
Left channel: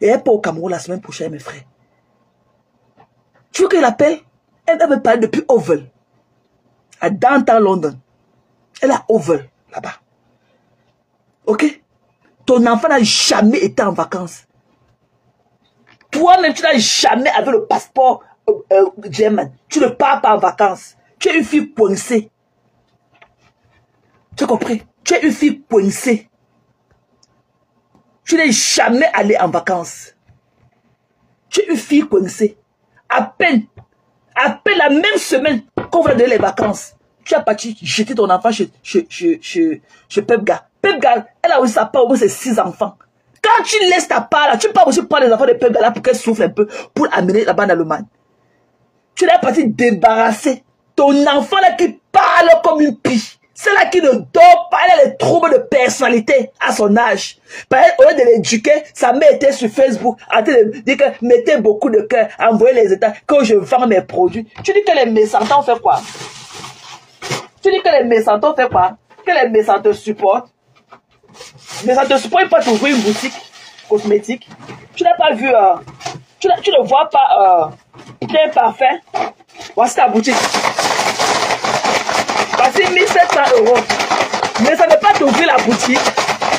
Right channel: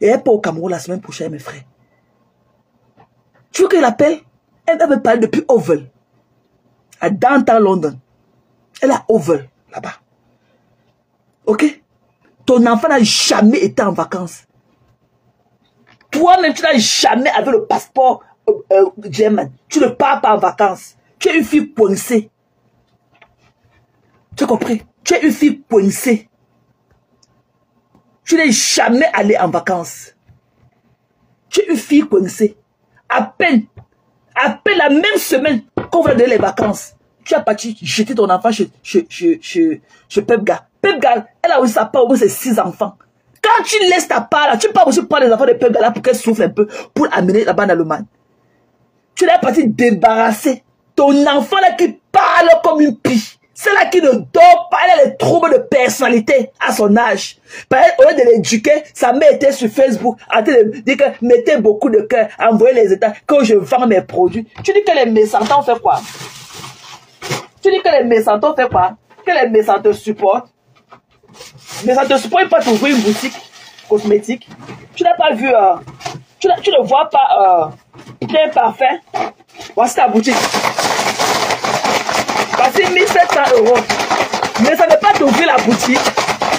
Et elle part au Cameroun la semaine prochaine, mes frères. Tu veux que je l'appelle? Elle va me parler depuis Oval. À Downtown London. Elle est à Oval, là-bas. Ok? Ton enfant n'a jamais été en vacances. Toi-même, tu n'as jamais avec le passeport German. Tu ne pars pas en vacances. Tu es une fille coincée. Tu as compris? Tu es une fille coincée. Tu n'es jamais allé en vacances. Tu es une fille coincée. À peine la même semaine qu'on va donner les vacances, tu as parti jeter ton enfant chez Pepga. Pepga, elle a aussi sa part où c'est 6 enfants. Quand tu laisses ta part là, tu peux aussi prendre les enfants de Pepga là pour qu'elle souffre un peu, pour amener là-bas en Allemagne. Tu l'as parti débarrasser ton enfant là qui parle comme une pie. Celle-là qui ne dort pas, elle a des troubles de personnalité à son âge. Par exemple, au lieu de l'éduquer, sa mère était sur Facebook, en train de dire que mettez beaucoup de cœur, envoyez les états, que je vends mes produits. Tu dis que les méchants fait quoi? Tu dis que les méchants fait quoi? Que les méchants te supportent? Les méchants te supportent, ils peuvent t'ouvrir une boutique cosmétique. Tu n'as pas vu, tu ne vois pas plein parfum. Voici ta boutique. Voici 1700 €. Mais ça ne peut pas t'ouvrir la boutique.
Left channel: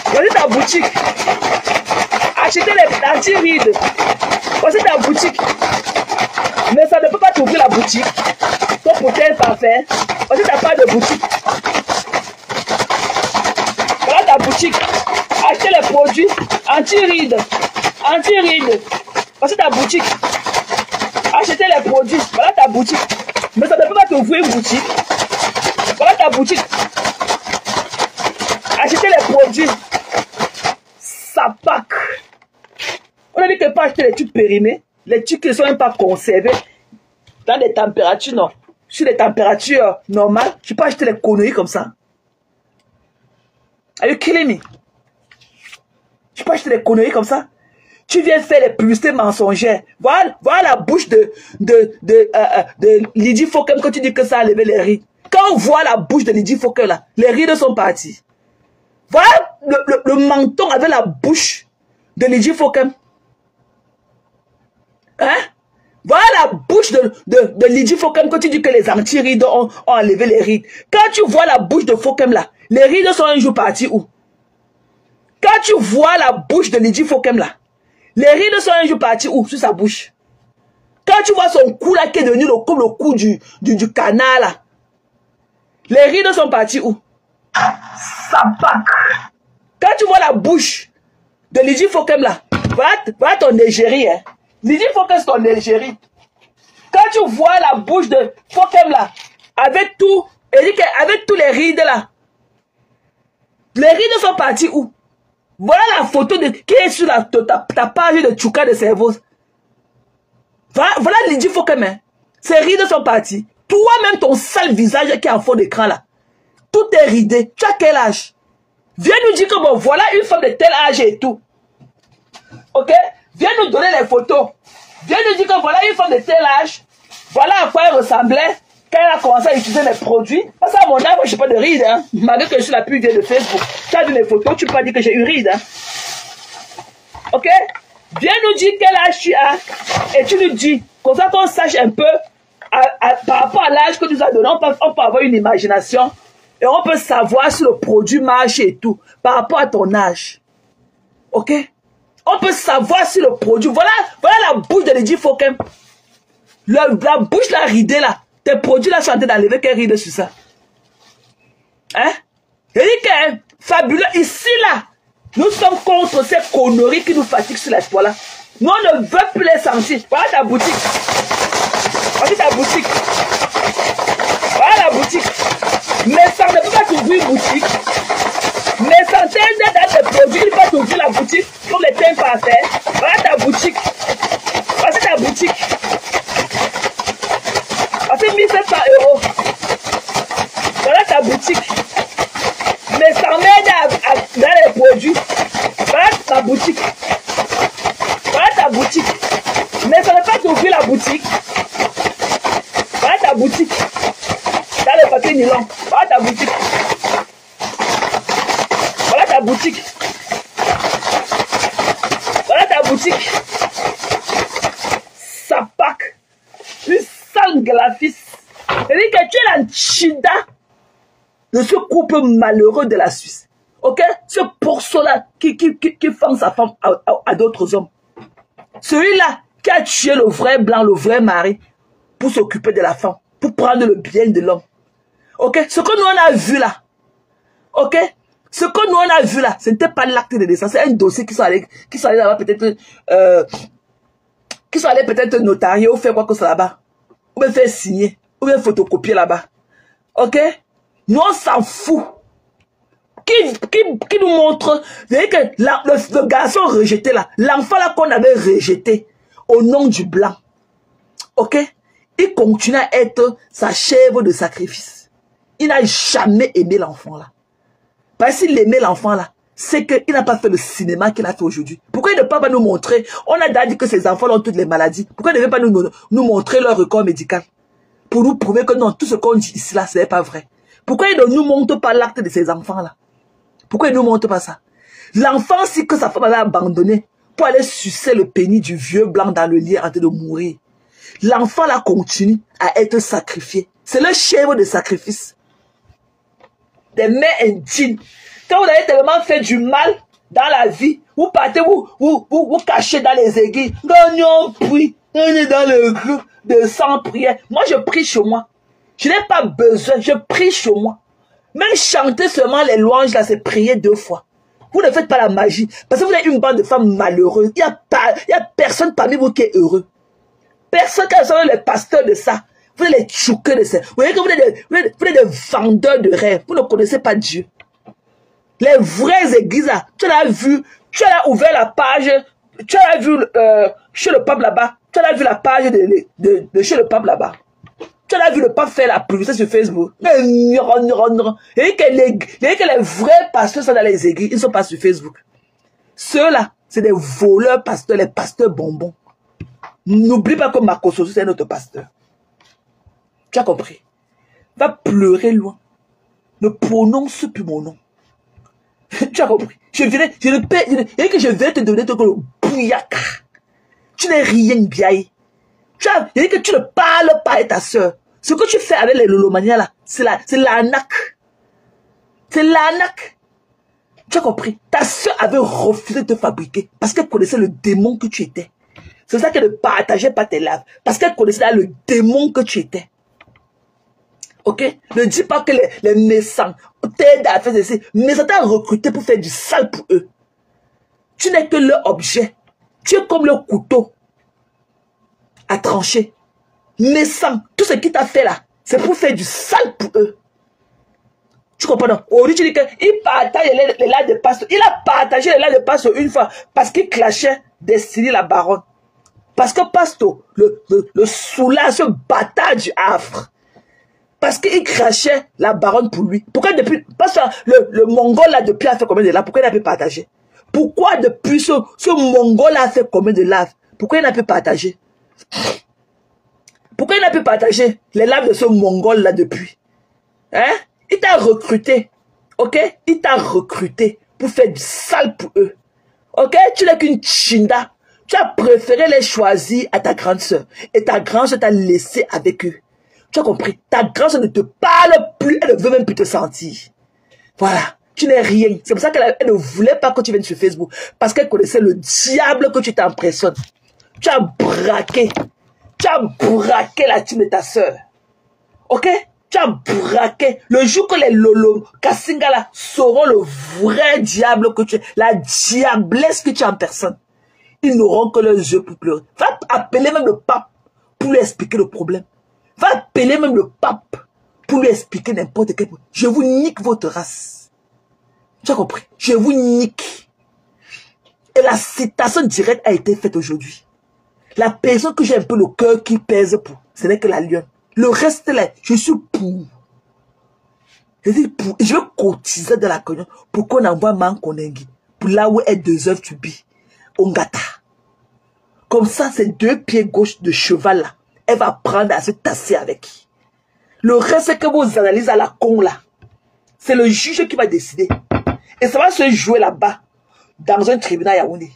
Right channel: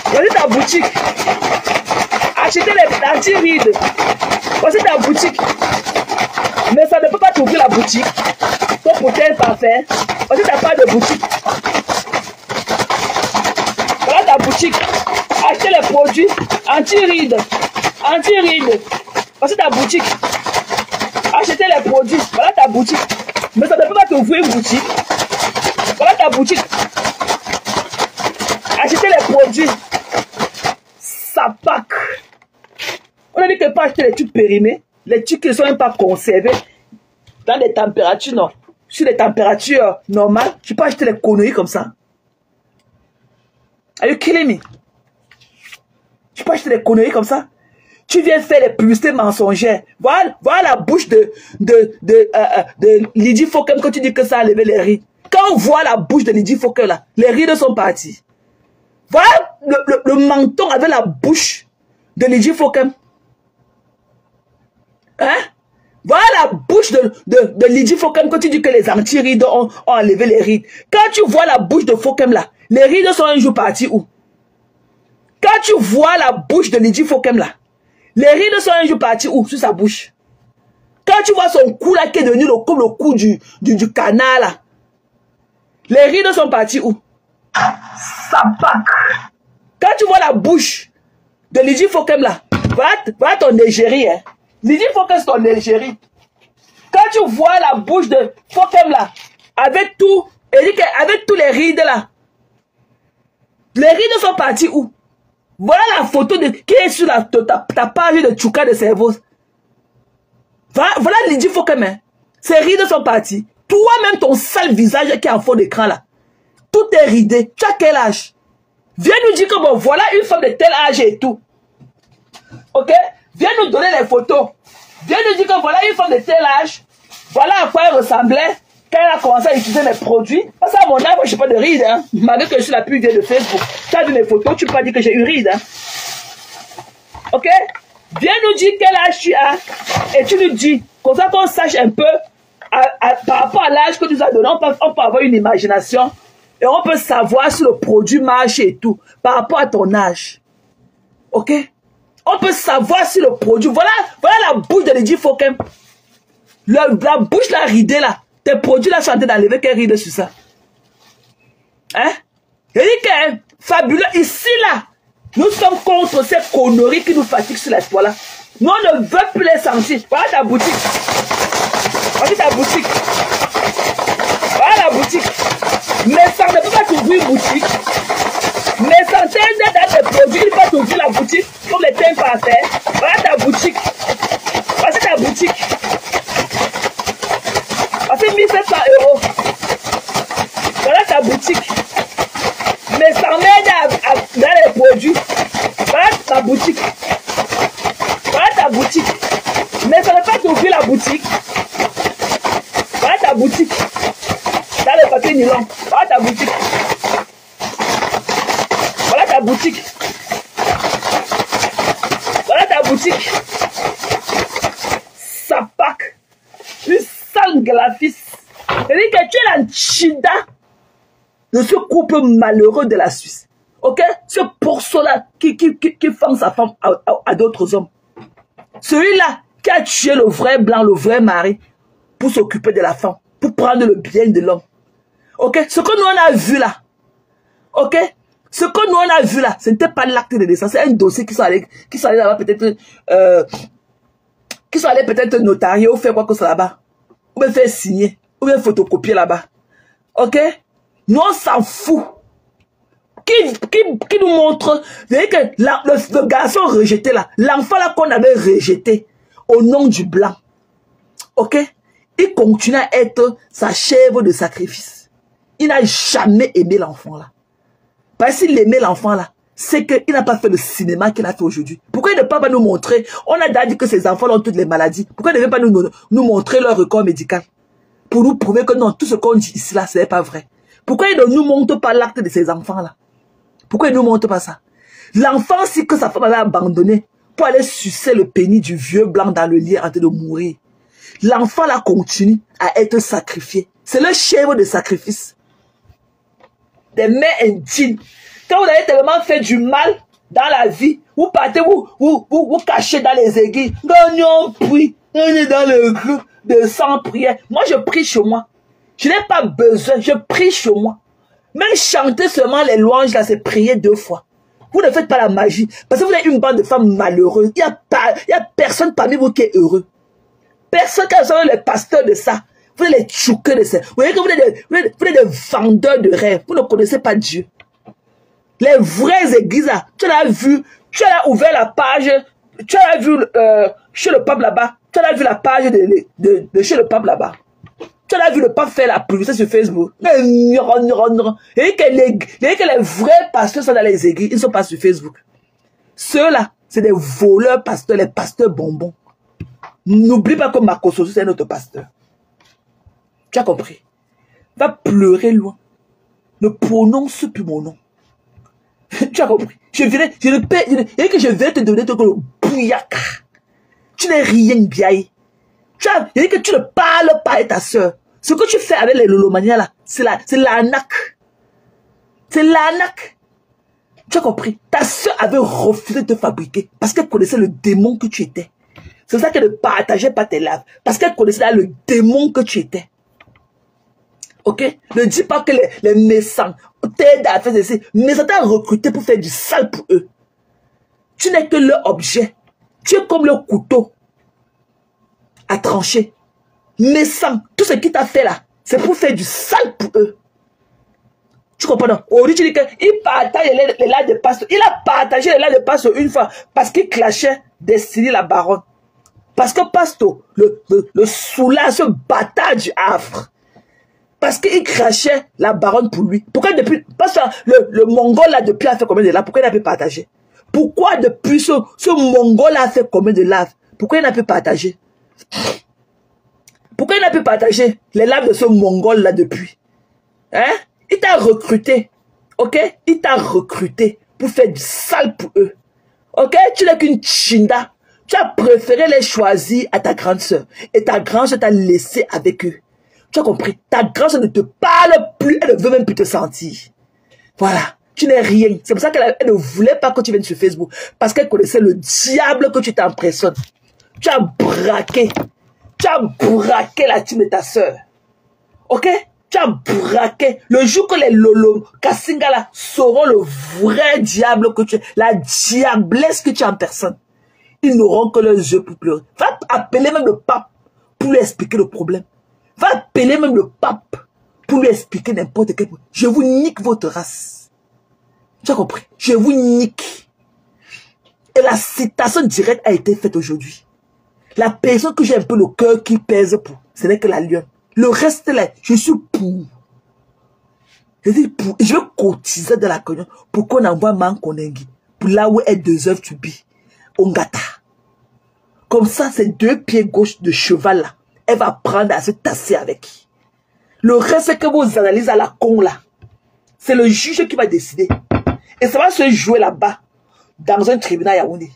Voici ta boutique. Achetez les anti-rides. Voici ta boutique. Mais ça ne peut pas t'ouvrir la boutique. Toi pour tel parfum. Voici ta part de boutique. Voilà ta boutique. Achetez les produits anti-rides. Anti-rides. Voici ta boutique. Achetez les produits. Voilà ta boutique. Mais ça ne peut pas t'ouvrir une boutique. Voilà ta boutique. Achetez les produits. Ça pack. On a dit que pas acheter les trucs périmés. Les trucs qui ne sont même pas conservés. Dans des températures, non. Sur des températures normales, tu peux acheter les conneries comme ça. Are you kidding me? Tu peux acheter des conneries comme ça? Tu viens faire les publicités mensongères. Voilà la bouche de Lydie Fauquem quand tu dis que ça a levé les rides. Quand on voit la bouche de Lydie Fauquem là, les rides sont partis. Voilà le menton avec la bouche de Lydie Fauquem. Hein? Voilà la bouche de Lydie Fauquem quand tu dis que les anti-rides ont enlevé les rides. Quand tu vois la bouche de Fauquem là, les rides sont un jour partis où? Quand tu vois la bouche de Lydie Fauquem là, les rides sont un jour partis où? Sur sa bouche. Quand tu vois son cou là qui est devenu comme le cou du canard là, les rides sont partis où? Ça pack. Quand tu vois la bouche de Lydie Fauquem là, va ton égérie, hein. Lydie Fauquem c'est ton égérie. Quand tu vois la bouche de Fauquem là, avec tout, avec tous les rides là, les rides sont partis où? Voilà la photo qui est sur ta page de Tchouka de cerveau. Voilà Lydie Fauquem, hein. Ces rides sont partis. Toi-même, ton sale visage qui est en fond d'écran là, tout est ridé. Tu as quel âge? Viens nous dire que bon, voilà une femme de tel âge et tout. Ok? Viens nous donner les photos. Viens nous dire que voilà une femme de tel âge. Voilà à quoi elle ressemblait quand elle a commencé à utiliser mes produits. Parce qu'à mon âge, je n'ai pas de rides. Hein. Malgré que je suis la plus vieille de Facebook. Tu as vu mes photos, tu peux pas dire que j'ai une ride. Hein. Ok? Viens nous dire quel âge tu as. Et tu nous dis. Comme ça qu'on sache un peu par rapport à l'âge que tu nous as donné. On peut avoir une imagination. Et on peut savoir si le produit marche et tout. Par rapport à ton âge. Ok? On peut savoir si le produit... Voilà la bouche de Lydie Fauquem. La bouche là ridée là. Tes produits là sont en train d'enlever quelle ride sur ça. Hein? Il dit que fabuleux. Ici là, nous sommes contre ces conneries qui nous fatiguent sur la toile là. Nous on ne veut plus les sentir. Voilà ta boutique. Voilà ta boutique. Voilà la boutique. Mais ça ne peut pas t'ouvrir une boutique. Mais ça t'aide dans tes produits. Il faut t'ouvrir la boutique comme les thèmes parfaits. Voilà ta boutique. Voilà ta boutique. Voilà 1700 €. Voilà ta boutique. Mais ça m'aide dans les produits. Voilà ta boutique. Voilà ta boutique. Mais ça ne peut pas t'ouvrir la boutique. Voilà ta boutique. Dans le papier nylon. Voilà ta boutique. Voilà ta boutique. Voilà ta boutique. Ça pack. Une sale graphiste. C'est-à-dire que tu es la chida de ce couple malheureux de la Suisse. Ok? Ce pourceau-là qui fend sa femme à d'autres hommes. Celui-là qui a tué le vrai blanc, le vrai mari, pour s'occuper de la femme, pour prendre le bien de l'homme. Ok? Ce que nous on a vu là, ok? Ce que nous on a vu là, ce n'était pas l'acte de naissance, c'est un dossier qui sont allés là-bas peut-être, qui sont allés peut-être notarier ou faire quoi que ce soit là-bas, ou bien faire signer, ou bien photocopier là-bas. Ok? Nous on s'en fout. Qui nous montre que le garçon rejeté là, l'enfant là qu'on avait rejeté au nom du blanc, ok, il continue à être sa chèvre de sacrifice. il n'a jamais aimé l'enfant là. Parce qu'il aimait l'enfant là, c'est qu'il n'a pas fait le cinéma qu'il a fait aujourd'hui. Pourquoi il ne peut pas nous montrer? On a déjà dit que ces enfants ont toutes les maladies. Pourquoi il ne veut pas nous montrer leur record médical? Pour nous prouver que non, tout ce qu'on dit ici là, ce n'est pas vrai. Pourquoi il ne nous montre pas l'acte de ces enfants là? Pourquoi il ne nous montre pas ça? L'enfant, si que sa femme avait abandonné pour aller sucer le pénis du vieux blanc dans le lit en train de mourir. L'enfant là continue à être sacrifié. C'est le chèvre de sacrifice. Des mères indignes. Quand vous avez tellement fait du mal dans la vie, vous partez, vous cachez dans les églises. Non, prie, dans le groupe de 100 prières. Moi, je prie chez moi. Je n'ai pas besoin, je prie chez moi. Même chanter seulement les louanges, là, c'est prier 2 fois. Vous ne faites pas la magie. Parce que vous êtes une bande de femmes malheureuses. Il n'y a personne parmi vous qui est heureux. Personne qui a les pasteurs de ça. Vous êtes les tchouqueux de ça. Vous êtes des vendeurs de rêves. Vous ne connaissez pas Dieu. Les vraies églises, là, tu l'as vu, tu as ouvert la page, tu as vu chez le pape là-bas, tu as vu la page de chez le pape là-bas. Tu as vu le pape faire la publicité sur Facebook. Et que les vrais pasteurs sont dans les églises, ils ne sont pas sur Facebook. Ceux-là, c'est des voleurs pasteurs, les pasteurs bonbons. N'oublie pas que Makososo, c'est notre pasteur. Tu as compris? Va pleurer loin. Ne prononce plus mon nom. Tu as compris? Je vais te donner ton bouillaka. Tu n'es rien bien. Tu que tu ne parles pas à ta soeur. Ce que tu fais avec les lolomanias là, c'est l'arnaque. C'est l'arnaque. Tu as compris? Ta soeur avait refusé de te fabriquer parce qu'elle connaissait le démon que tu étais. C'est ça qu'elle ne partageait pas tes lèvres. Parce qu'elle connaissait le démon que tu étais. Ok? Ne dis pas que les méchants t'aident à faire ceci. Mais ça t'a recruté pour faire du sale pour eux. Tu n'es que leur objet. Tu es comme le couteau à trancher. Méchant, tout ce qu'il t'a fait là, c'est pour faire du sale pour eux. Tu comprends non? Aujourd'hui, tu dis qu'il partage les lives de pasteur. Il a partagé les lives de pasteur une fois parce qu'il clashait Destiny la baronne. Parce que pasteur, le soulage, ce bâtard du Havre, parce qu'il crachait la baronne pour lui. Pourquoi depuis, parce que le Mongol là, depuis a fait combien de lives? Pourquoi il n'a pas partagé? Pourquoi depuis ce Mongol là a fait combien de lives? Pourquoi il n'a pas partagé? Pourquoi il n'a pas partagé les lives de ce Mongol là depuis? Hein? Il t'a recruté. Ok? Il t'a recruté pour faire du sale pour eux. Ok? Tu n'es qu'une chinda. Tu as préféré les choisir à ta grande soeur. Et ta grande soeur t'a laissé avec eux. Tu as compris? Ta grande soeur ne te parle plus. Elle ne veut même plus te sentir. Voilà. Tu n'es rien. C'est pour ça qu'elle ne voulait pas que tu viennes sur Facebook. Parce qu'elle connaissait le diable que tu t'impressionnes. Tu as braqué. Tu as braqué la team de ta soeur. Ok? Tu as braqué. Le jour que les Lolo, Kasingala sauront le vrai diable que tu es, la diablesse que tu es en personne, ils n'auront que leurs yeux pour pleurer. Va appeler même le pape pour lui expliquer le problème. Va appeler même le pape pour lui expliquer n'importe quel problème. Je vous nique votre race. Tu as compris? Je vous nique. Et la citation directe a été faite aujourd'hui. La personne que j'ai un peu le cœur qui pèse pour, ce n'est que la lionne. Le reste là, je suis pour. Je dis pour. Et je veux cotiser de la cognon pour qu'on envoie Mankonengi. Pour là où est 2 heures tu bis. Ongata. Comme ça, ces 2 pieds gauche de cheval là, elle va prendre à se tasser avec. Le reste que vous analysez à la con là, c'est le juge qui va décider. Et ça va se jouer là-bas, dans un tribunal Yaoundé.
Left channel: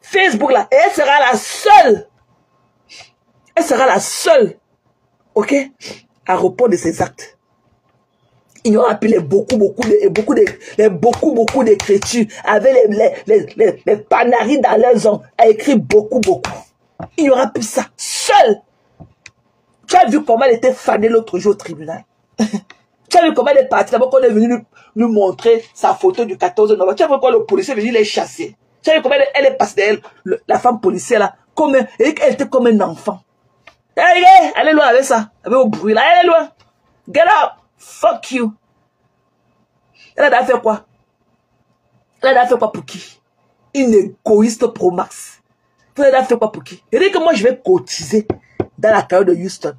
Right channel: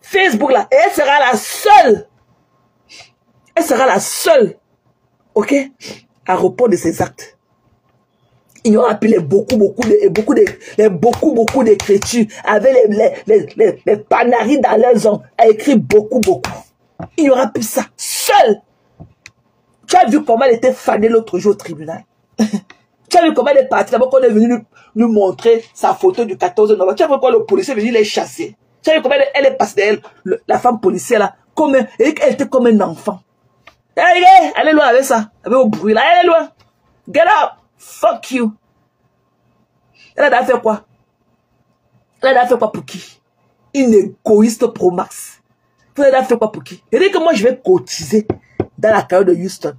Facebook là, elle sera la seule. Elle sera la seule. Ok? À repos de ses actes. Il y aura plus beaucoup d'écritures avec les panaris dans leurs ongles à écrire beaucoup. Il n'y aura plus ça. Seul. Tu as vu comment elle était fanée l'autre jour au tribunal. Tu as vu comment elle est partie d'abord qu'on est venu nous montrer sa photo du 14 novembre. Tu as vu comment le policier est venu les chasser. Tu as vu comment elle est passée d'elle, la femme policière là, elle était comme un enfant. Allez loin avec ça. Avec au bruit là, allez loin. Get up. Fuck you. Elle a fait quoi? Elle a fait quoi pour qui? Une égoïste pro max. Elle a fait quoi pour qui? Elle dit que moi je vais cotiser dans la carrière de Houston.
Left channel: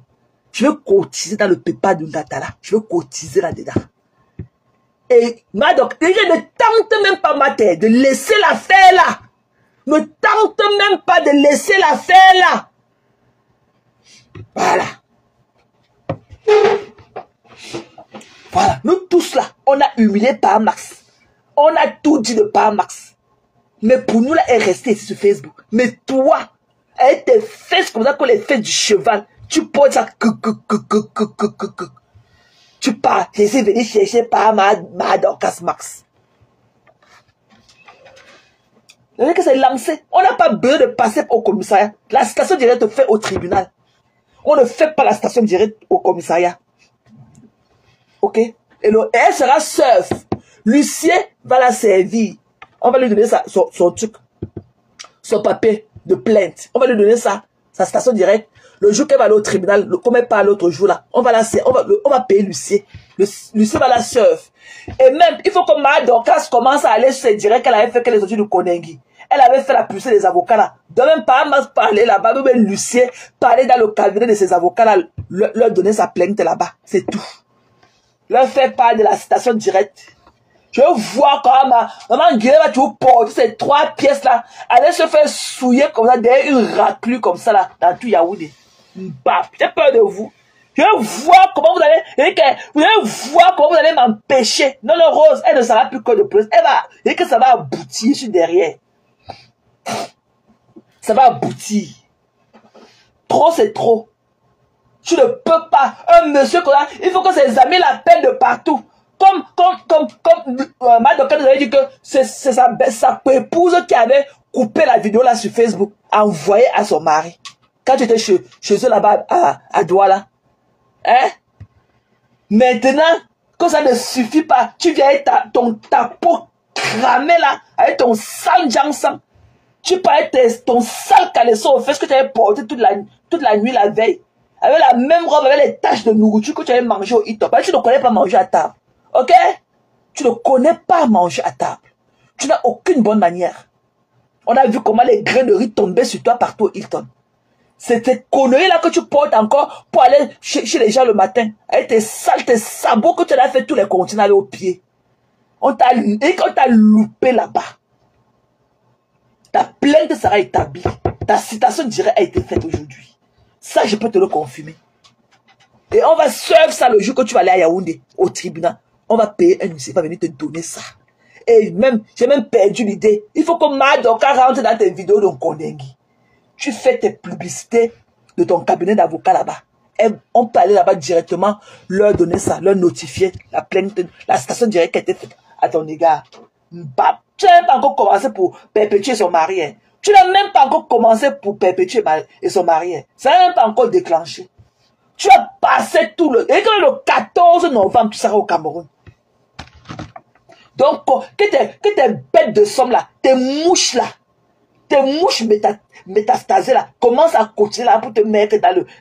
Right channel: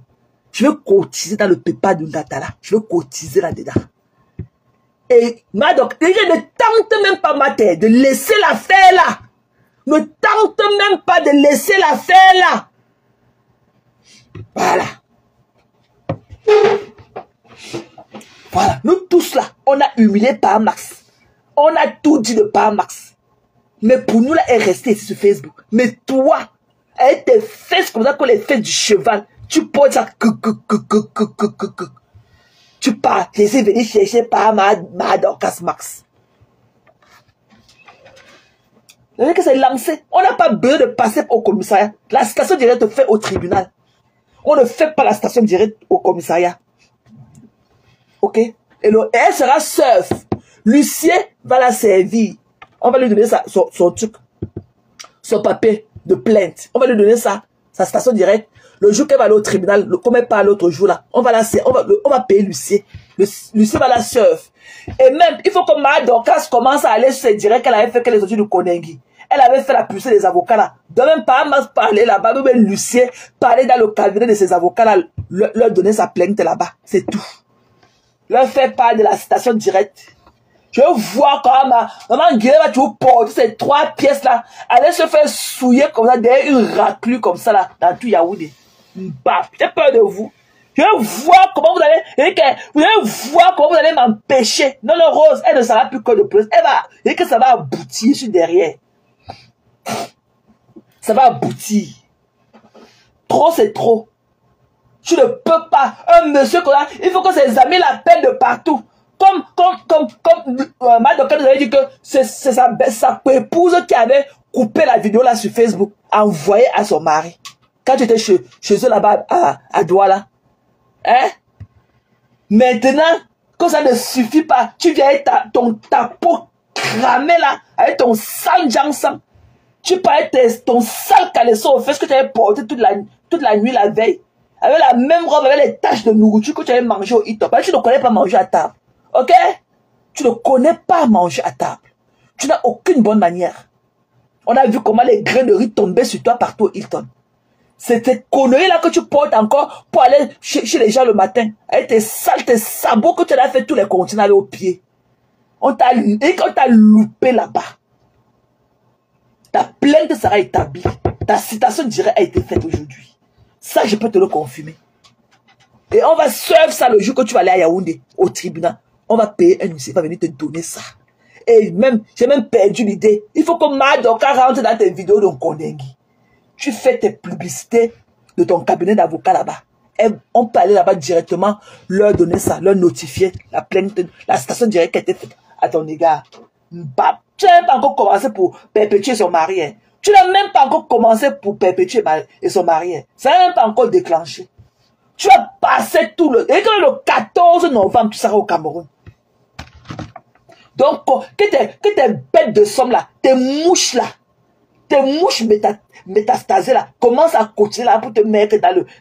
Je veux cotiser dans le PayPal de Ngatala. Je veux cotiser là-dedans. Et donc, les gens ne tentent même pas, ma tête, de laisser l'affaire là. Ne tente même pas de laisser l'affaire là. Voilà. Voilà. Nous tous là, on a humilié par Max. On a tout dit de par Max. Mais pour nous là, elle est restée ici sur Facebook. Mais toi, avec tes fesses comme ça, comme les fesses du cheval, tu portes ça. Tu pars, je suis venu chercher par ma Dorcas Max. Vous voyez que c'est lancé. On n'a pas besoin de passer au commissariat. La station directe fait au tribunal. On ne fait pas la station directe au commissariat. Ok? Et elle sera seule. Lucien va la servir. On va lui donner son truc. Son papier de plainte. On va lui donner ça. Sa station directe. Le jour qu'elle va aller au tribunal, comme elle part l'autre jour là, on va payer Lucien. Lucien va la serve. Et même, il faut que ma Dorcas commence à aller se dire qu'elle avait fait que les études de Konengi. Elle avait fait la poussée des avocats là. De même pas parler là-bas, même Lucien parler dans le cabinet de ses avocats là, leur donner sa plainte là-bas. C'est tout. Leur faire part de la station directe. Je vois quand maman Guillaume va toujours porter ces 3 pièces là. Elle se faire souiller comme ça, derrière une raclure comme ça là, dans tout Yaoundé. J'ai peur de vous. Je vois comment vous allez m'empêcher. Non, le Rose, elle ne sera plus que de plus. Elle va, et que ça va aboutir sur derrière. Ça va aboutir. Trop, c'est trop. Tu ne peux pas. Un monsieur comme ça, il faut que ses amis l'appellent de partout. Comme ma docteur nous avait dit que c'est sa épouse qui avait coupé la vidéo là sur Facebook, envoyé à son mari. Quand tu étais chez eux là-bas à Douala. Hein? Maintenant, que ça ne suffit pas, tu viens avec ta peau cramée là, avec ton sale jansan. Tu peux avec ton sale caleçon au fait ce que tu avais porté toute la nuit la veille. Avec la même robe, avec les taches de nourriture que tu avais mangé au hit-top. Tu ne connais pas manger à table. Ok? Tu ne connais pas manger à table. Tu n'as aucune bonne manière. On a vu comment les grains de riz tombaient sur toi partout au Hilton. C'est ces conneries-là que tu portes encore pour aller chez les gens le matin. Avec tes sabots que tu as fait tous les continents au pied. On t'a loupé là-bas. Ta plainte sera établie. Ta citation directe a été faite aujourd'hui. Ça, je peux te le confirmer. Et on va suivre ça le jour que tu vas aller à Yaoundé, au tribunal. On va payer un huissier, va venir te donner ça. Et même, j'ai même perdu l'idée. Il faut que Madoka rentre dans tes vidéos de Konengi. Tu fais tes publicités de ton cabinet d'avocat là-bas. Et on peut aller là-bas directement, leur donner ça, leur notifier la plainte, la station directe qui a été faite à ton égard. Tu n'as même pas encore commencé pour perpétuer son mari. Hein. Tu n'as même pas encore commencé pour perpétuer son mari. Hein. Ça n'a même pas encore déclenché. Tu vas passer tout le... Et le 14 novembre, tu seras au Cameroun. Donc, que tes bêtes de somme là, tes mouches là, tes mouches métastasées là, commencent à cotiser là pour te mettre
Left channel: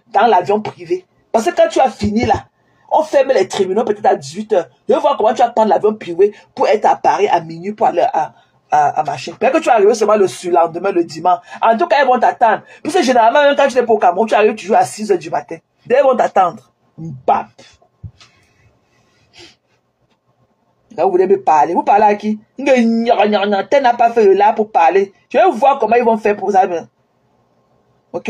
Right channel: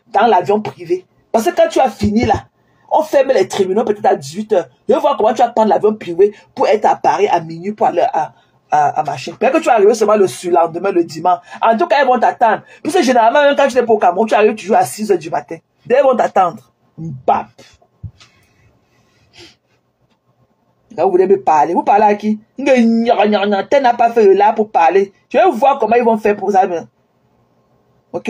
dans l'avion privé. Parce que quand tu as fini là, on ferme les tribunaux peut-être à 18h. Je veux voir comment tu vas prendre l'avion privé pour être à Paris à minuit pour aller à machin. Peut-être que tu vas arriver seulement le surlendemain, le dimanche. En tout cas, ils vont t'attendre. Parce que généralement, même quand tu es pour Cameroun, tu arrives toujours à 6h du matin. Ils vont t'attendre. Bap. Donc, vous voulez me parler. Vous parlez à qui? Tu n'as pas fait le là pour parler. Je vais voir comment ils vont faire pour ça. Ok?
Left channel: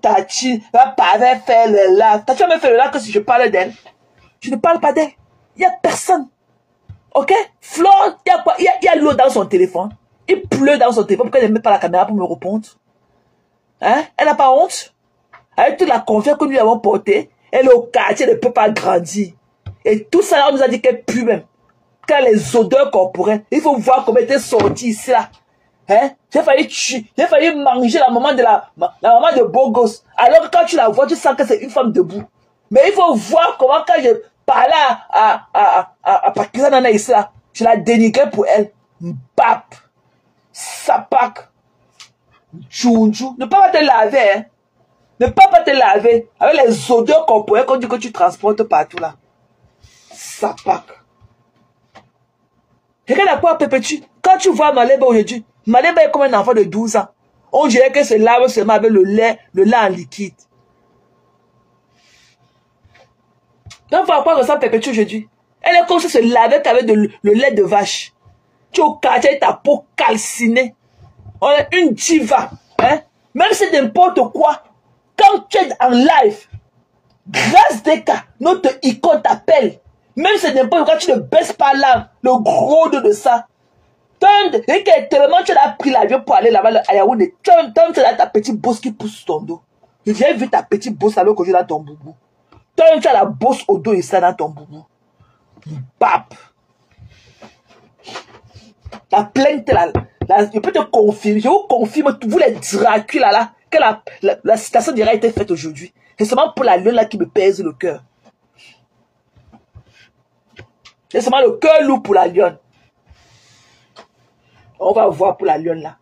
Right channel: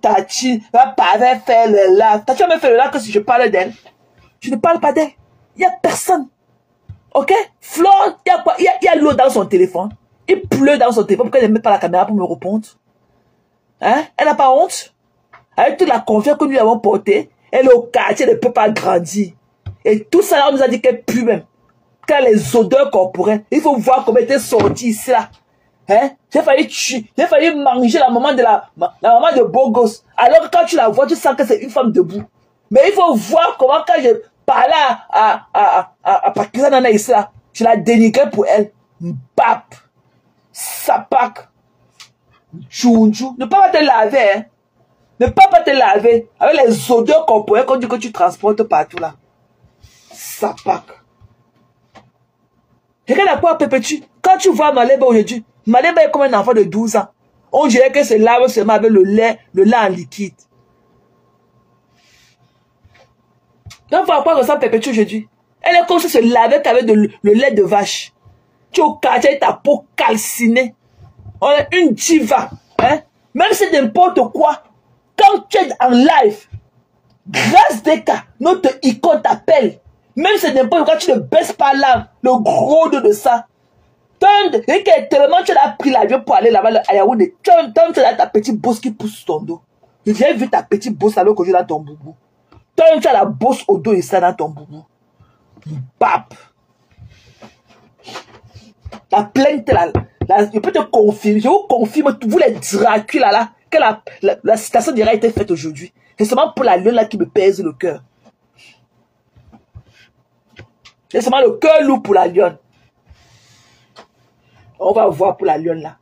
Tachi va pas faire le là. T'as jamais fait le là que si je parlais d'elle. Je ne parle pas d'elle. Il n'y a personne. Ok? Flore, il y a l'eau dans son téléphone. Il pleut dans son téléphone. Pourquoi elle ne met pas la caméra pour me répondre? Hein? Elle n'a pas honte? Avec toute la confiance que nous avons portée, elle est au quartier, elle ne peut pas grandir. Et tout ça, on nous a dit qu'elle pue même. Qu'elle a les odeurs corporelles. Il faut voir comment elle était sortie ici là. Hein? J'ai failli manger la maman de beau gosse. Alors que quand tu la vois, tu sens que c'est une femme debout. Mais il faut voir comment quand je parlais à Pakistan Nana ici là, je la dénigrais pour elle. Bap. Sapak. Tchounjou. Ne pas te laver, hein. Ne pas te laver. Avec les odeurs corporelles qu'on dit que tu transportes partout là. Sapak. Quelqu'un n'a pas perpétué. Quand tu vois Maléba aujourd'hui, Maléba est comme un enfant de 12 ans. On dirait que se lave seulement avec le lait en liquide. Donc, voir à quoi ressemble Perpétue aujourd'hui. Elle est comme si se lavait avec le lait de vache. Tu es au quartier, ta peau calcinée. On est une diva. Hein? Même si n'importe quoi, quand tu es en live, grâce des cas, notre icône t'appelle. Même si n'importe quoi, tu ne baisses pas l'âme, le gros dos de ça. Et que tellement tu as pris l'avion pour aller là-bas à Yaoundé, tu as ta petite bosse qui pousse sur ton dos. J'ai vu ta petite bosse alors que je suis dans ton boubou. Toi, tu as la bosse au dos et ça dans ton boubou. Pape. La plainte là, je peux te confirmer, je vous confirme, vous les Dracula là, que la citation dirait été faite aujourd'hui. C'est seulement pour la lionne là qui me pèse le cœur. C'est seulement le cœur lourd pour la lionne. On va voir pour la lionne là.